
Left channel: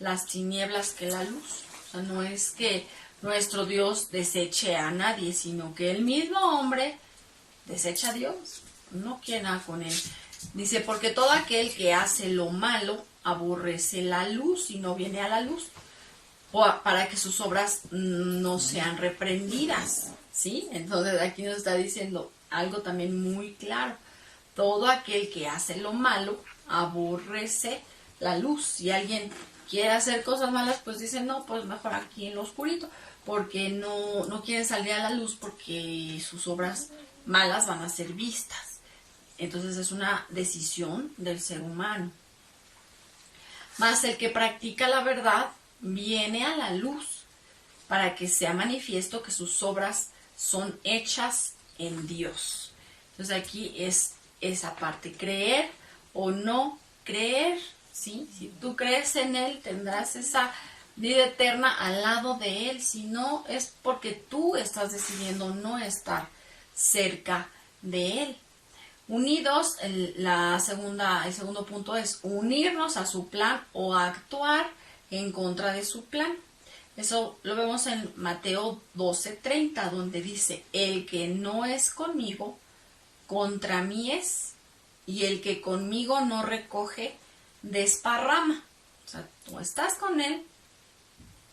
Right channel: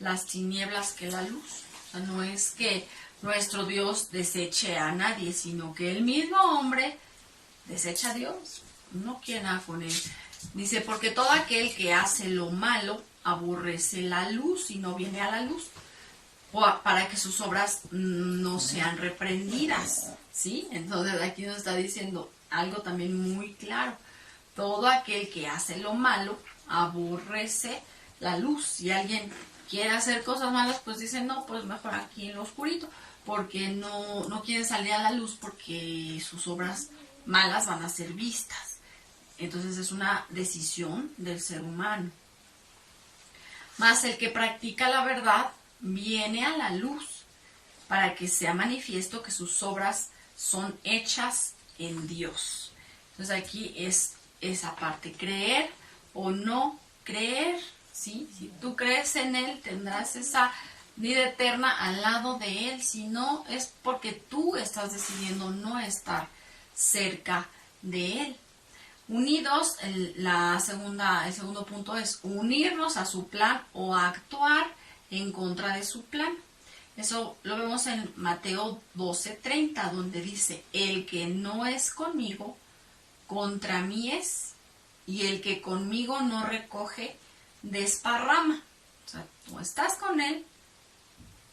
las tinieblas que la luz. O sea, no es que nuestro Dios deseche a nadie, sino que el mismo hombre desecha a Dios. No quiere nada con él. Dice, porque todo aquel que hace lo malo aborrece la luz y no viene a la luz, para que sus obras no sean reprendidas, ¿sí? Entonces aquí nos está diciendo algo también muy claro. Todo aquel que hace lo malo aborrece la luz. Si alguien quiere hacer cosas malas, pues dice, no, pues mejor aquí en lo oscurito, porque no quiere salir a la luz porque sus obras malas van a ser vistas. Entonces es una decisión del ser humano. Mas el que practica la verdad viene a la luz para que sea manifiesto que sus obras son hechas en Dios. Entonces aquí es esa parte, creer o no creer, ¿sí? Si tú crees en Él, tendrás esa vida eterna al lado de Él. Si no, es porque tú estás decidiendo no estar cerca de Él. Unidos, el segundo punto es unirnos a su plan o actuar en contra de su plan. Eso lo vemos en Mateo 12:30, donde dice, el que no es conmigo, contra mí es, y el que conmigo no recoge, desparrama. O sea, tú estás con él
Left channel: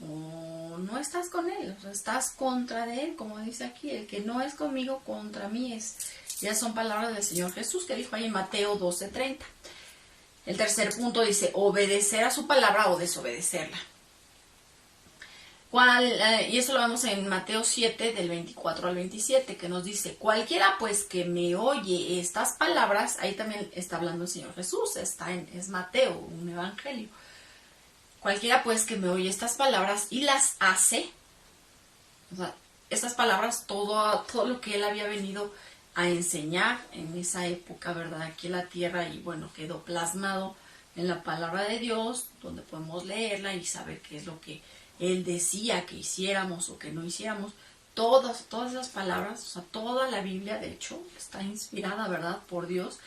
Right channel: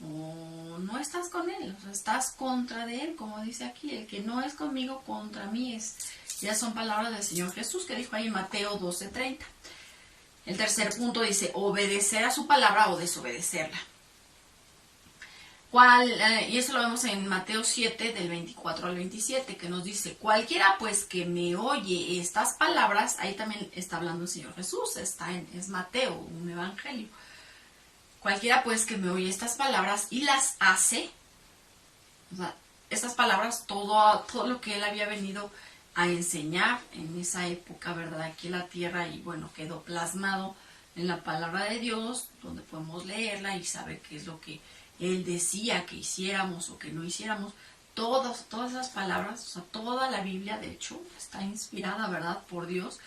o no estás con él, o sea, estás contra de él, como dice aquí, el que no es conmigo, contra mí es. Ya son palabras del Señor Jesús que dijo ahí en Mateo 12:30. El tercer punto dice, obedecer a su palabra o desobedecerla. Y eso lo vemos en Mateo 7, del 24 al 27, que nos dice, cualquiera pues que me oye estas palabras, ahí también está hablando el Señor Jesús, es Mateo, un evangelio. Cualquiera pues que me oye estas palabras y las hace, o sea, estas palabras, todo lo que él había venido a enseñar en esa época, ¿verdad? Aquí en la tierra, y bueno, quedó plasmado en la palabra de Dios, donde podemos leerla y saber qué es lo que Él decía que hiciéramos o que no hiciéramos. Todas esas palabras, o sea, toda la Biblia, de hecho, está inspirada, ¿verdad?, por Dios.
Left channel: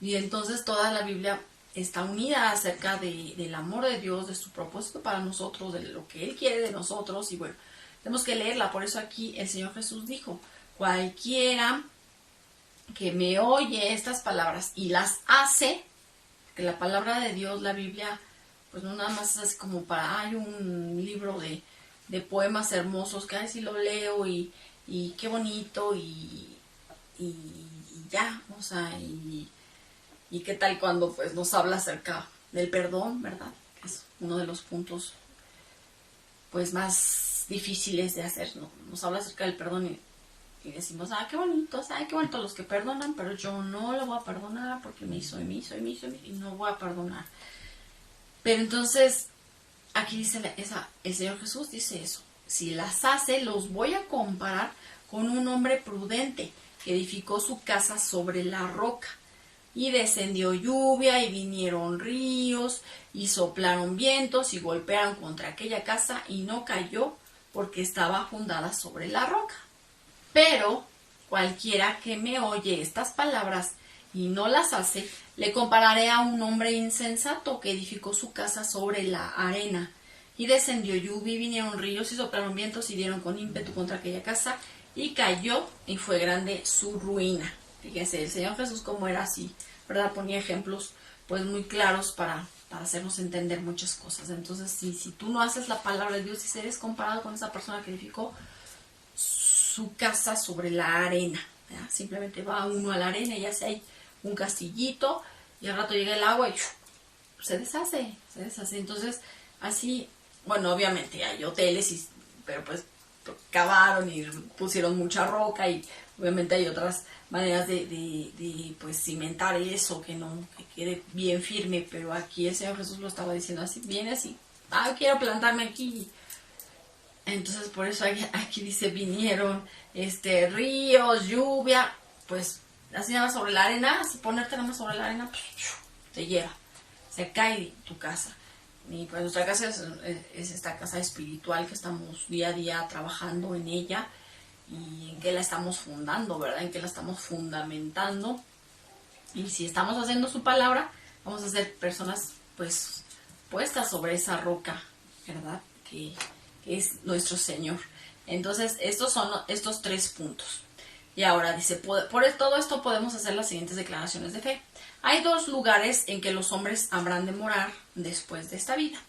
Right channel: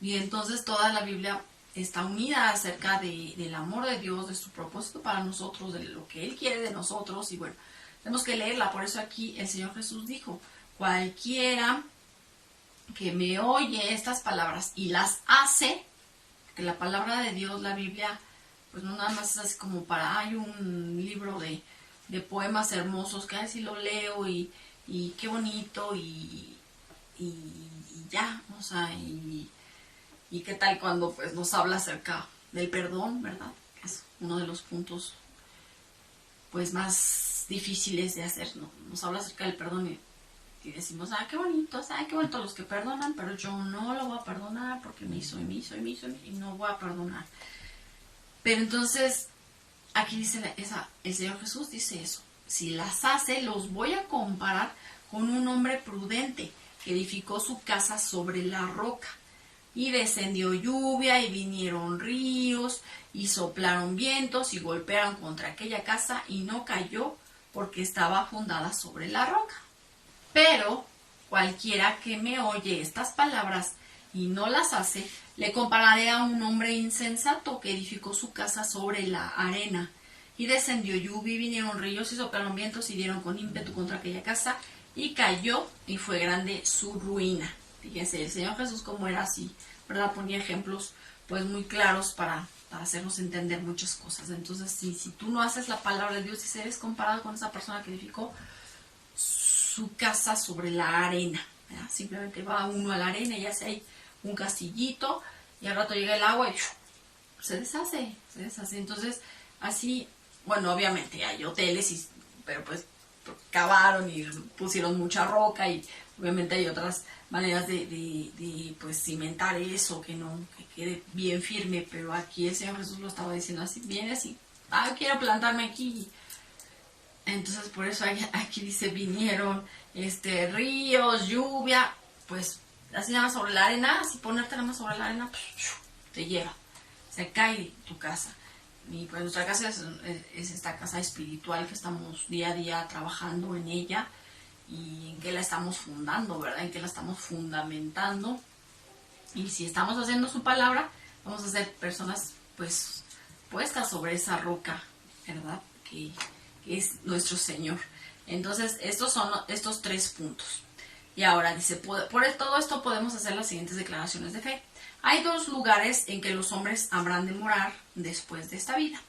Y entonces toda la Biblia está unida acerca del amor de Dios, de su propósito para nosotros, de lo que Él quiere de nosotros. Y bueno, tenemos que leerla. Por eso aquí el Señor Jesús dijo, cualquiera que me oye estas palabras y las hace, porque la palabra de Dios, la Biblia, pues no nada más es así como para, hay un libro de poemas hermosos que así lo leo y qué bonito y ya, o sea, y qué tal cuando pues nos habla acerca del perdón, ¿verdad? Que es uno de los puntos pues más difíciles de hacer, ¿no? Nos habla acerca del perdón y decimos, qué bonito los que perdonan, pero yo no lo voy a perdonar porque me hizo y no voy a perdonar. Pero entonces, aquí dice el Señor Jesús dice eso. Si las hace, los voy a comparar con un hombre prudente que edificó su casa sobre la roca. Y descendió lluvia y vinieron ríos y soplaron vientos y golpearon contra aquella casa y no cayó porque estaba fundada sobre la roca. Pero cualquiera que me oye estas palabras y no las hace, le compararé a un hombre insensato que edificó su casa sobre la arena. Y descendió lluvia y vinieron ríos y soplaron vientos y dieron con ímpetu contra aquella casa y cayó y fue grande su ruina. Fíjense, el Señor Jesús como era así, ¿verdad? Ponía ejemplos pues muy claros para hacernos entender muchas cosas. Entonces, si tú no haces la palabra de Dios, si eres comparado con esa persona que edificó su casa sobre la arena, ¿verdad? Simplemente va uno a la arena y hace ahí un castillito y al rato llega el agua y se deshace. Entonces, así, bueno, obviamente hay hoteles, pero pues cavaron y pusieron mucha roca y obviamente hay otras maneras de pues cimentar eso, que quede bien firme, pero aquí el Señor Jesús lo estaba diciendo así, viene así, quiero plantarme aquí. Entonces por eso aquí dice, vinieron ríos, lluvia, pues así nada más sobre la arena, si ponerte nada más sobre la arena, pues, te lleva, se cae tu casa. Y pues nuestra casa es esta casa espiritual que estamos día a día trabajando en ella y en qué la estamos fundando, ¿verdad? En qué la estamos fundamentando. Y si estamos haciendo su palabra, vamos a ser personas pues puestas sobre esa roca, ¿verdad? Que es nuestro Señor. Entonces, estos son estos 3 puntos. Y ahora dice, por todo esto podemos hacer las siguientes declaraciones de fe. Hay 2 lugares en que los hombres habrán de morar después de esta vida.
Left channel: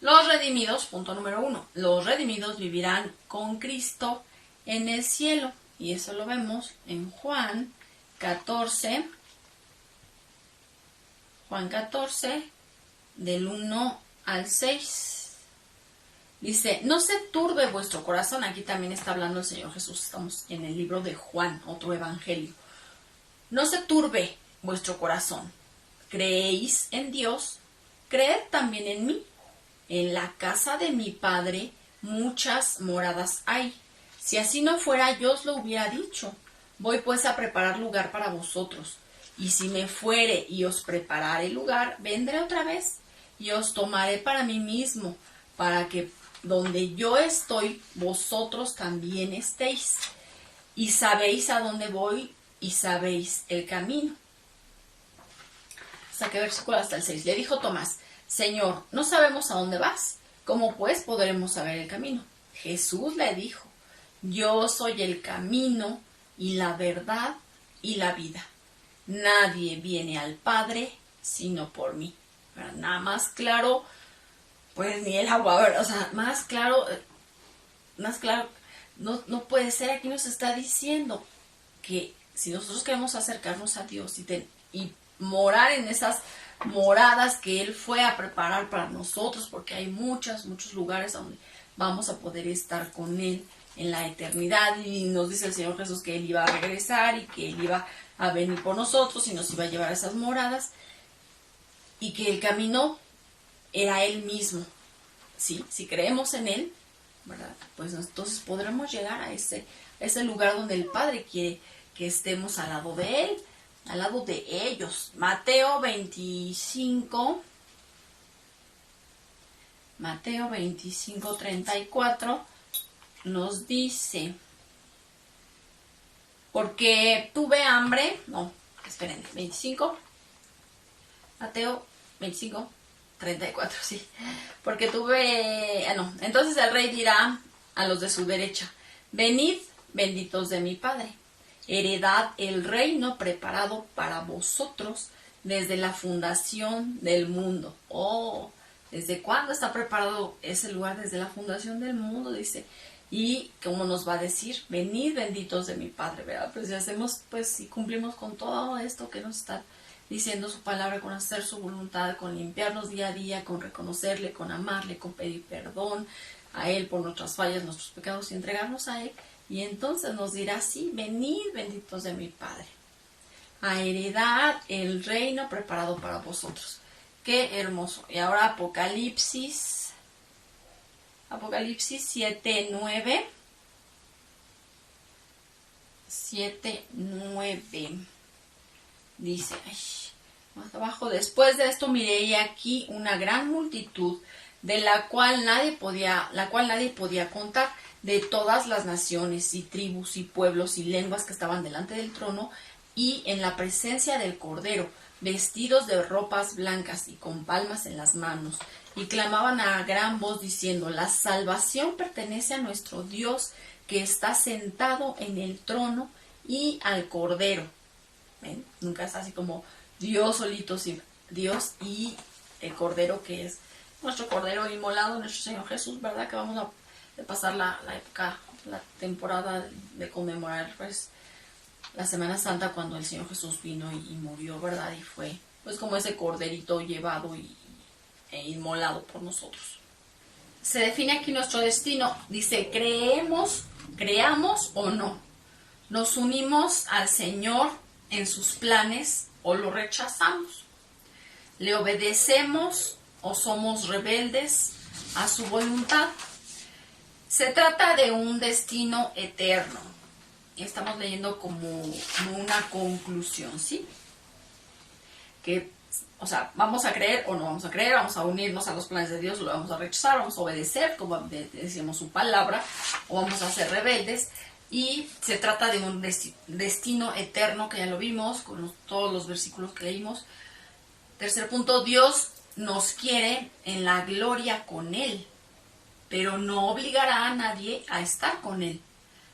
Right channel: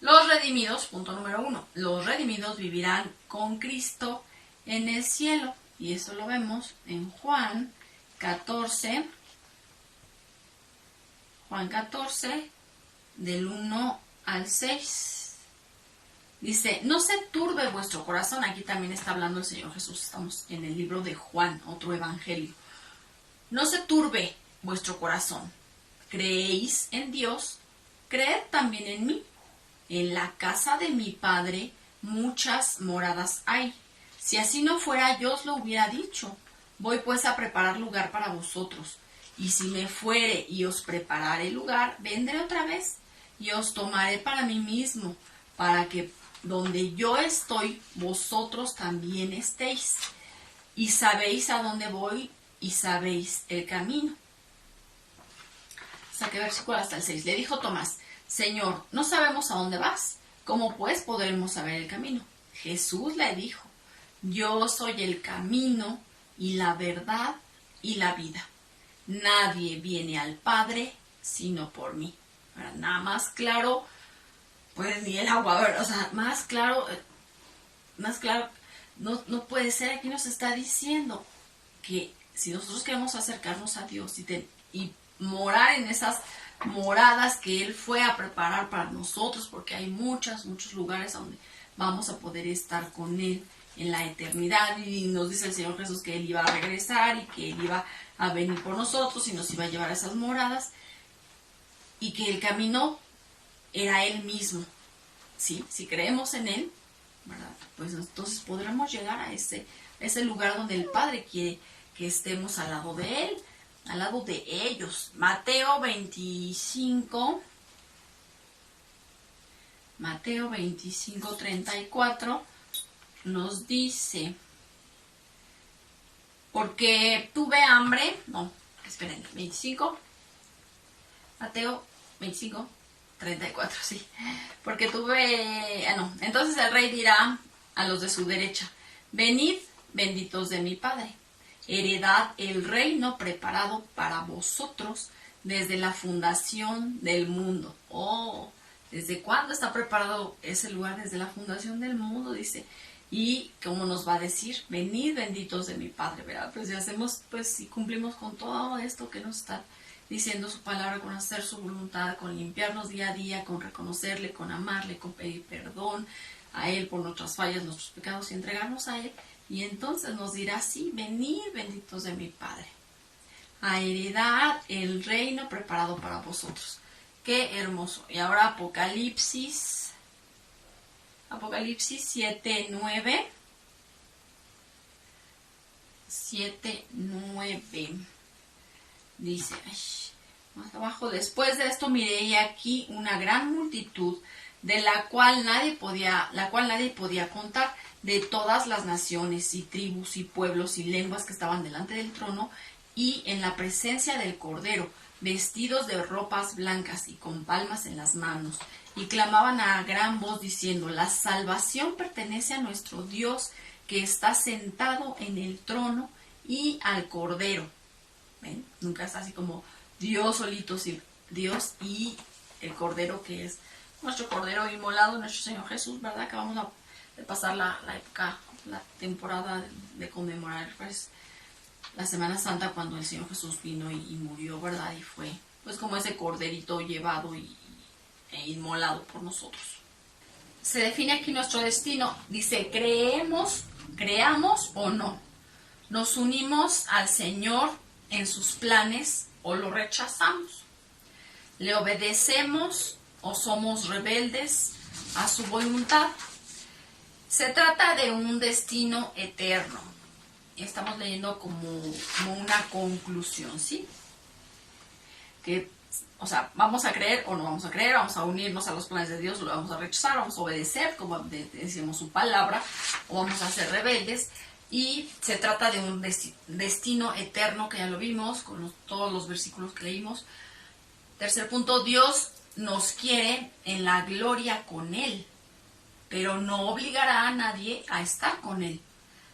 Los redimidos, punto número 1, los redimidos vivirán con Cristo en el cielo. Y eso lo vemos en Juan 14, del 1 al 6. Dice, no se turbe vuestro corazón. Aquí también está hablando el Señor Jesús. Estamos en el libro de Juan, otro evangelio. No se turbe vuestro corazón. ¿Creéis en Dios? Creed también en mí. En la casa de mi Padre muchas moradas hay. Si así no fuera, yo os lo hubiera dicho. Voy pues a preparar lugar para vosotros. Y si me fuere y os preparare lugar, vendré otra vez y os tomaré para mí mismo, para que donde yo estoy, vosotros también estéis. Y sabéis a dónde voy y sabéis el camino. ¿Hasta qué versículo? Hasta el 6. Le dijo Tomás, Señor, no sabemos a dónde vas. ¿Cómo pues podremos saber el camino? Jesús le dijo, yo soy el camino y la verdad y la vida. Nadie viene al Padre sino por mí. Nada más claro, pues ni el agua, ¿verdad? O sea, más claro, no puede ser. Aquí nos está diciendo que si nosotros queremos acercarnos a Dios y morar en esas moradas que Él fue a preparar para nosotros, porque hay muchos lugares donde vamos a poder estar con Él en la eternidad, y nos dice el Señor Jesús que Él iba a regresar y que Él iba a venir por nosotros y nos iba a llevar a esas moradas, y que el camino era Él mismo. ¿Sí? Si creemos en Él, ¿verdad? Pues entonces podremos llegar a ese lugar donde el Padre quiere que estemos al lado de Él, al lado de ellos. Mateo 25, 34 nos dice, porque tuve hambre, Mateo 25, 34, sí. Porque entonces el rey dirá a los de su derecha, venid, benditos de mi Padre, heredad el reino preparado para vosotros desde la fundación del mundo. Oh, ¿desde cuándo está preparado ese lugar? Desde la fundación del mundo, dice. Y como nos va a decir, venid, benditos de mi Padre, ¿verdad? Pues si hacemos, pues si cumplimos con todo esto que nos está diciendo su palabra, con hacer su voluntad, con limpiarnos día a día, con reconocerle, con amarle, con pedir perdón a Él por nuestras fallas, nuestros pecados y entregarnos a Él. Y entonces nos dirá, sí, venid, benditos de mi Padre, a heredar el reino preparado para vosotros. Qué hermoso. Y ahora Apocalipsis 7:9. 7:9. Dice, más abajo, después de esto miré aquí una gran multitud, de la cual nadie podía contar, de todas las naciones y tribus y pueblos y lenguas que estaban delante del trono y en la presencia del Cordero, vestidos de ropas blancas y con palmas en las manos, y clamaban a gran voz diciendo: la salvación pertenece a nuestro Dios que está sentado en el trono y al Cordero. ¿Ven? Nunca es así como Dios solito, sí, Dios y el Cordero, que es nuestro Cordero inmolado, nuestro Señor Jesús, ¿verdad? Que vamos a pasar la época, la temporada de conmemorar, pues, la Semana Santa, cuando el Señor Jesús vino y murió, ¿verdad? Y fue, pues, como ese corderito llevado e inmolado por nosotros. Se define aquí nuestro destino. Dice: creamos o no. Nos unimos al Señor en sus planes o lo rechazamos. Le obedecemos o somos rebeldes a su voluntad. Se trata de un destino eterno. Estamos leyendo como una conclusión, ¿sí? Que, o sea, vamos a creer o no vamos a creer, vamos a unirnos a los planes de Dios, lo vamos a rechazar, vamos a obedecer, como decimos, su palabra, o vamos a ser rebeldes. Y se trata de un destino eterno, que ya lo vimos con todos los versículos que leímos. Tercer punto: Dios nos quiere en la gloria con Él, pero no obligará a nadie a estar con Él.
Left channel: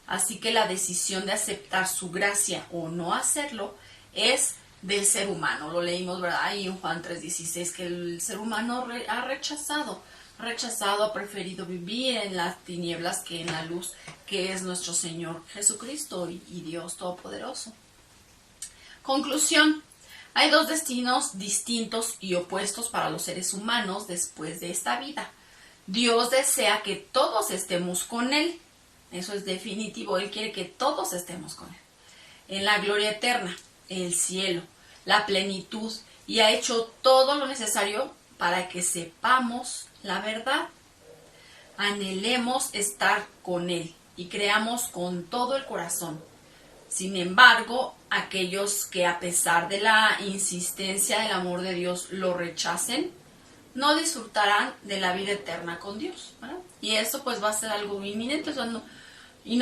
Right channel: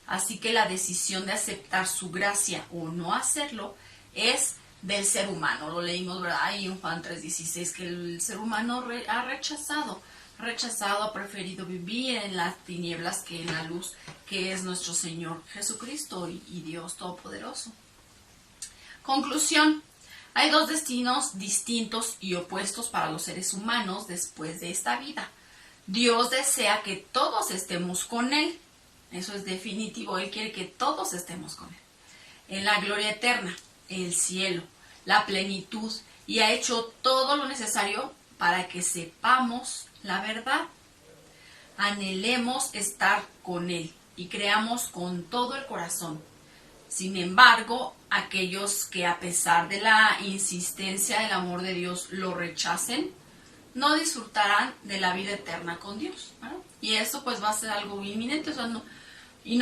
Así que la decisión de aceptar su gracia o no hacerlo es del ser humano. Lo leímos, ¿verdad? Ahí en Juan 3:16, que el ser humano ha rechazado, ha preferido vivir en las tinieblas que en la luz, que es nuestro Señor Jesucristo y Dios Todopoderoso. Conclusión: hay dos destinos distintos y opuestos para los seres humanos después de esta vida. Dios desea que todos estemos con Él. Eso es definitivo. Él quiere que todos estemos con Él en la gloria eterna, el cielo, la plenitud, y ha hecho todo lo necesario para que sepamos la verdad. Anhelemos estar con Él y creamos con todo el corazón. Sin embargo, aquellos que, a pesar de la insistencia del amor de Dios, lo rechacen, no disfrutarán de la vida eterna con Dios, ¿verdad? Y eso pues va a ser algo inminente, o sea, no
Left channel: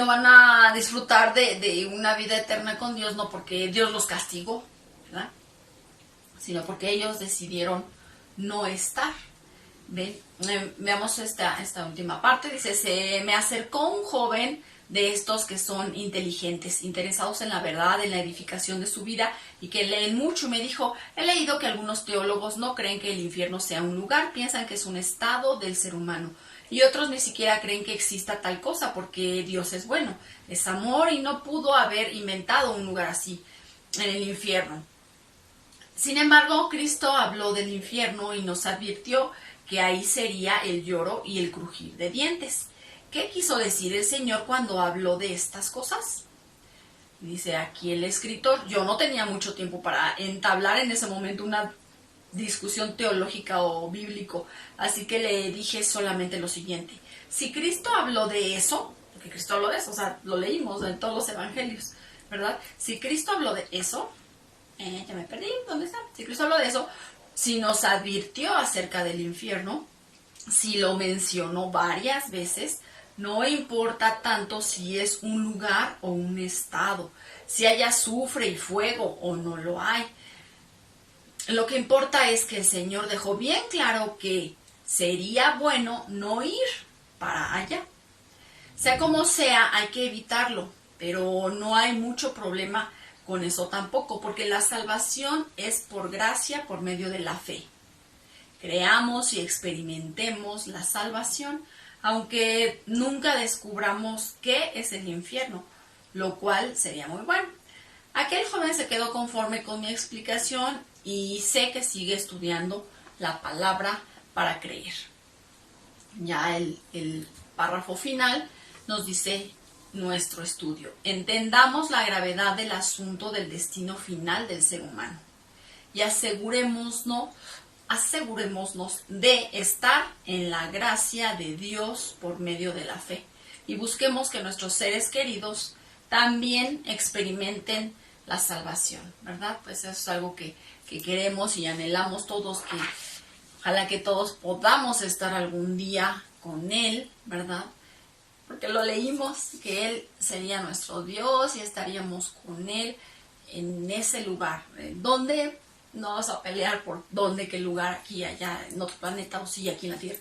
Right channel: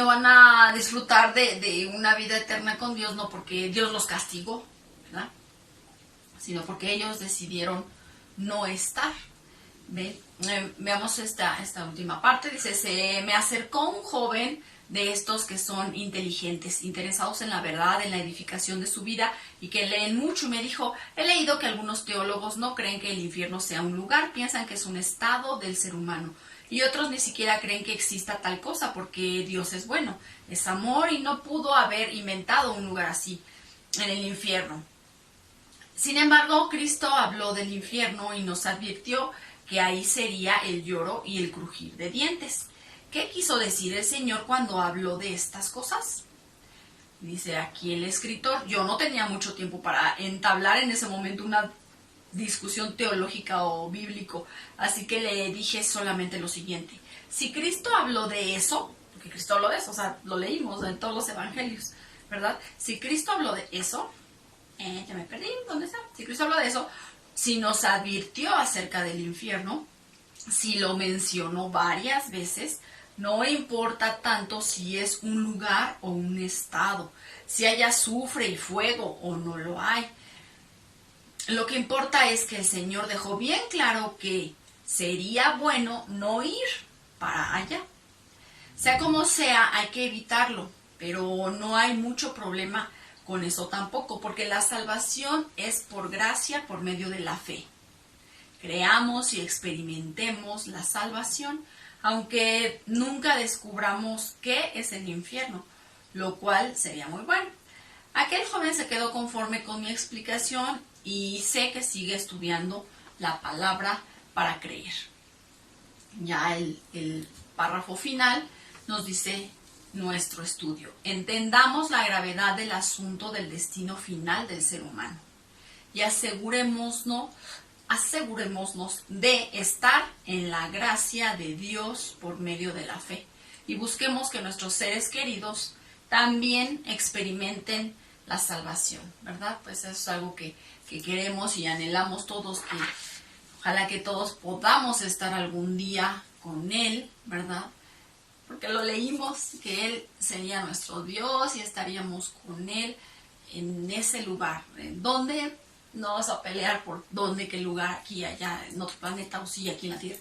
van a disfrutar de una vida eterna con Dios, no porque Dios los castigó, ¿verdad? Sino porque ellos decidieron no estar. Veamos esta última parte. Dice: se me acercó un joven de estos que son inteligentes, interesados en la verdad, en la edificación de su vida y que leen mucho, y me dijo: he leído que algunos teólogos no creen que el infierno sea un lugar, piensan que es un estado del ser humano, y otros ni siquiera creen que exista tal cosa, porque Dios es bueno, es amor, y no pudo haber inventado un lugar así en el infierno. Sin embargo, Cristo habló del infierno y nos advirtió que ahí sería el lloro y el crujir de dientes. ¿Qué quiso decir el Señor cuando habló de estas cosas? Dice aquí el escritor: yo no tenía mucho tiempo para entablar en ese momento una discusión teológica o bíblico, así que le dije solamente lo siguiente: si Cristo habló de eso, porque Cristo habló de eso, o sea, lo leímos en todos los evangelios, ¿verdad? Si Cristo habló de eso, ya me perdí, ¿dónde está? Si Cristo habló de eso, si nos advirtió acerca del infierno, si lo mencionó varias veces, no importa tanto si es un lugar o un estado, si hay azufre y fuego o no lo hay. Lo que importa es que el Señor dejó bien claro que sería bueno no ir para allá. Sea como sea, hay que evitarlo, pero no hay mucho problema con eso tampoco, porque la salvación es por gracia, por medio de la fe. Creamos y experimentemos la salvación, aunque nunca descubramos qué es el infierno, lo cual sería muy bueno. Aquel joven se quedó conforme con mi explicación y sé que sigue estudiando la palabra para creer. Ya el párrafo final nos dice nuestro estudio: entendamos la gravedad del asunto del destino final del ser humano y asegurémonos de estar en la gracia de Dios por medio de la fe, y busquemos que nuestros seres queridos también experimenten la salvación, ¿verdad? Pues eso es algo que queremos y anhelamos todos, que ojalá que todos podamos estar algún día con Él, ¿verdad? porque lo leímos, que Él sería nuestro Dios y estaríamos con Él en ese lugar. ¿Dónde? No vas a pelear por dónde, qué lugar, aquí, allá, en otro planeta o sí, aquí en la Tierra.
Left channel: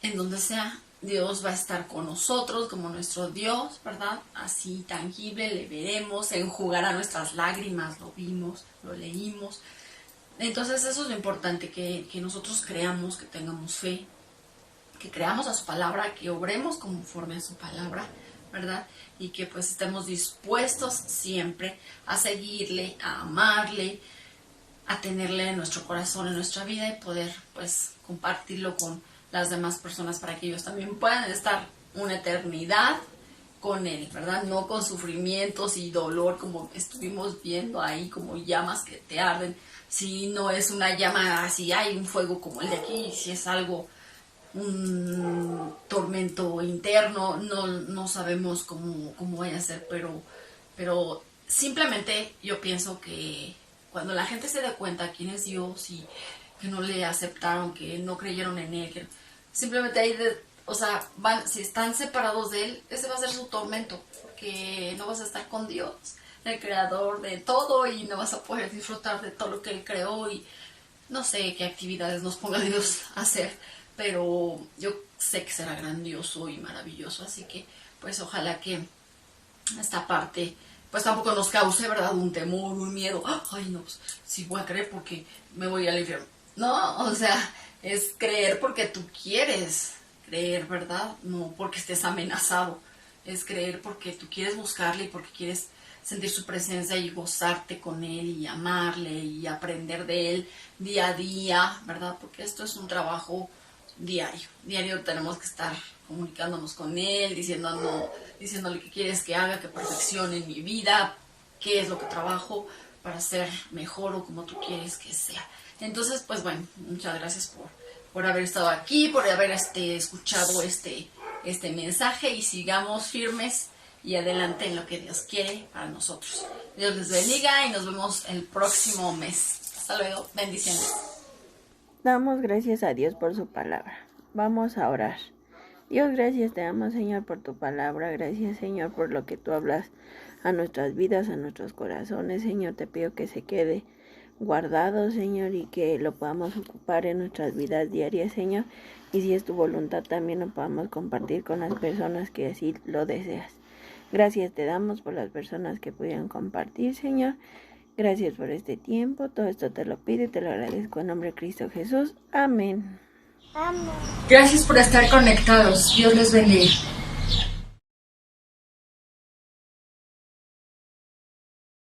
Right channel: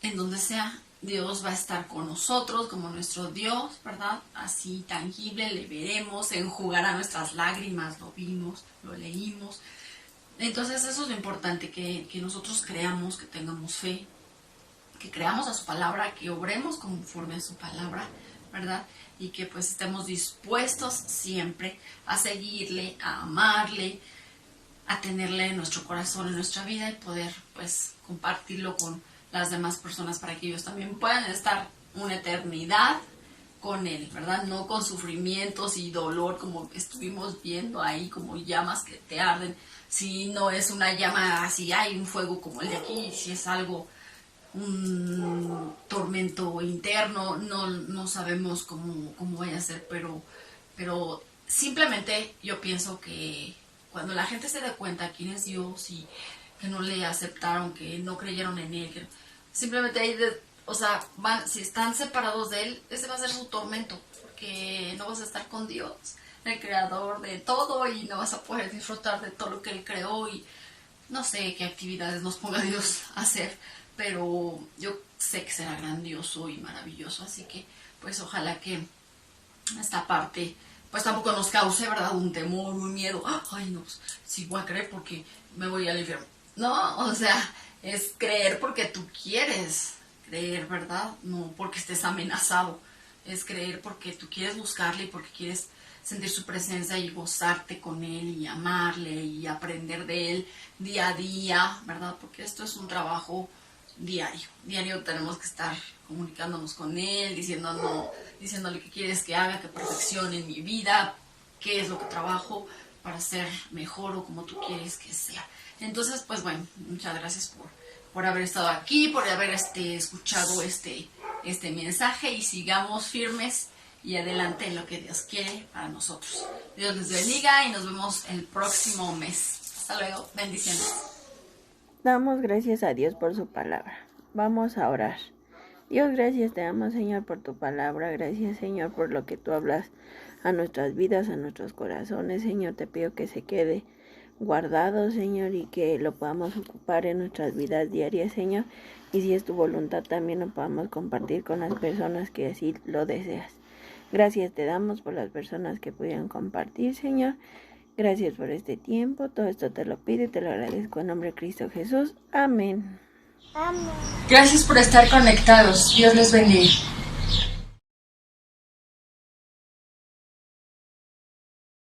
En donde sea, Dios va a estar con nosotros como nuestro Dios, ¿verdad? Así tangible, le veremos, enjugará nuestras lágrimas, lo vimos, lo leímos. Entonces eso es lo importante, que nosotros creamos, que tengamos fe, que creamos a su palabra, que obremos conforme a su palabra, ¿verdad? Y que pues estemos dispuestos siempre a seguirle, a amarle, a tenerle en nuestro corazón, en nuestra vida y poder pues compartirlo con las demás personas para que ellos también puedan estar una eternidad con Él, ¿verdad? No con sufrimientos y dolor como estuvimos viendo ahí, como llamas que te arden. Si no es una llama así, hay un fuego como el de aquí, si es algo, un tormento interno, no sabemos cómo vaya a ser, pero simplemente yo pienso que cuando la gente se dé cuenta quién es Dios y que no le aceptaron, que no creyeron en Él, que simplemente ahí, si están separados de Él, ese va a ser su tormento, porque no vas a estar con Dios, el creador de todo, y no vas a poder disfrutar de todo lo que Él creó y no sé qué actividades nos ponga Dios a hacer, pero yo sé que será grandioso y maravilloso, así que pues ojalá que esta parte pues tampoco nos cause, ¿verdad?, un temor, un miedo. Ay, no, sí voy a creer porque me voy al infierno. No, o sea, es creer porque tú quieres creer, ¿verdad? No porque estés amenazado. Es creer porque tú quieres buscarle y porque quieres sentir su presencia y gozarte con Él y amarle y aprender de Él día a día, ¿verdad? Porque esto es un trabajo diario. Diario tenemos que estar comunicándonos con Él, diciéndole qué quieres que haga, que perfeccione mi vida, qué es lo que trabajo para ser mejor o como tú quieres que sea. Entonces, pues bueno, muchas gracias por haber estado aquí, por haber escuchado este mensaje, y sigamos firmes y adelante en lo que Dios quiere para nosotros. Dios les bendiga y nos vemos el próximo mes. Hasta luego, bendiciones. Damos gracias a Dios por su palabra. Vamos a orar. Dios, gracias te damos, Señor, por tu palabra. Gracias, Señor, por lo que tú hablas a nuestras vidas, a nuestros corazones. Señor, te pido que se quede guardado, Señor, y que lo podamos ocupar en nuestras vidas diarias, Señor. Y si es tu voluntad, también lo podamos compartir con las personas que así lo deseas. Gracias te damos por las personas que pudieran compartir, Señor. Gracias por este tiempo. Todo esto te lo pido y te lo agradezco en nombre de Cristo Jesús. Amén. Gracias por estar conectados. Dios les bendiga.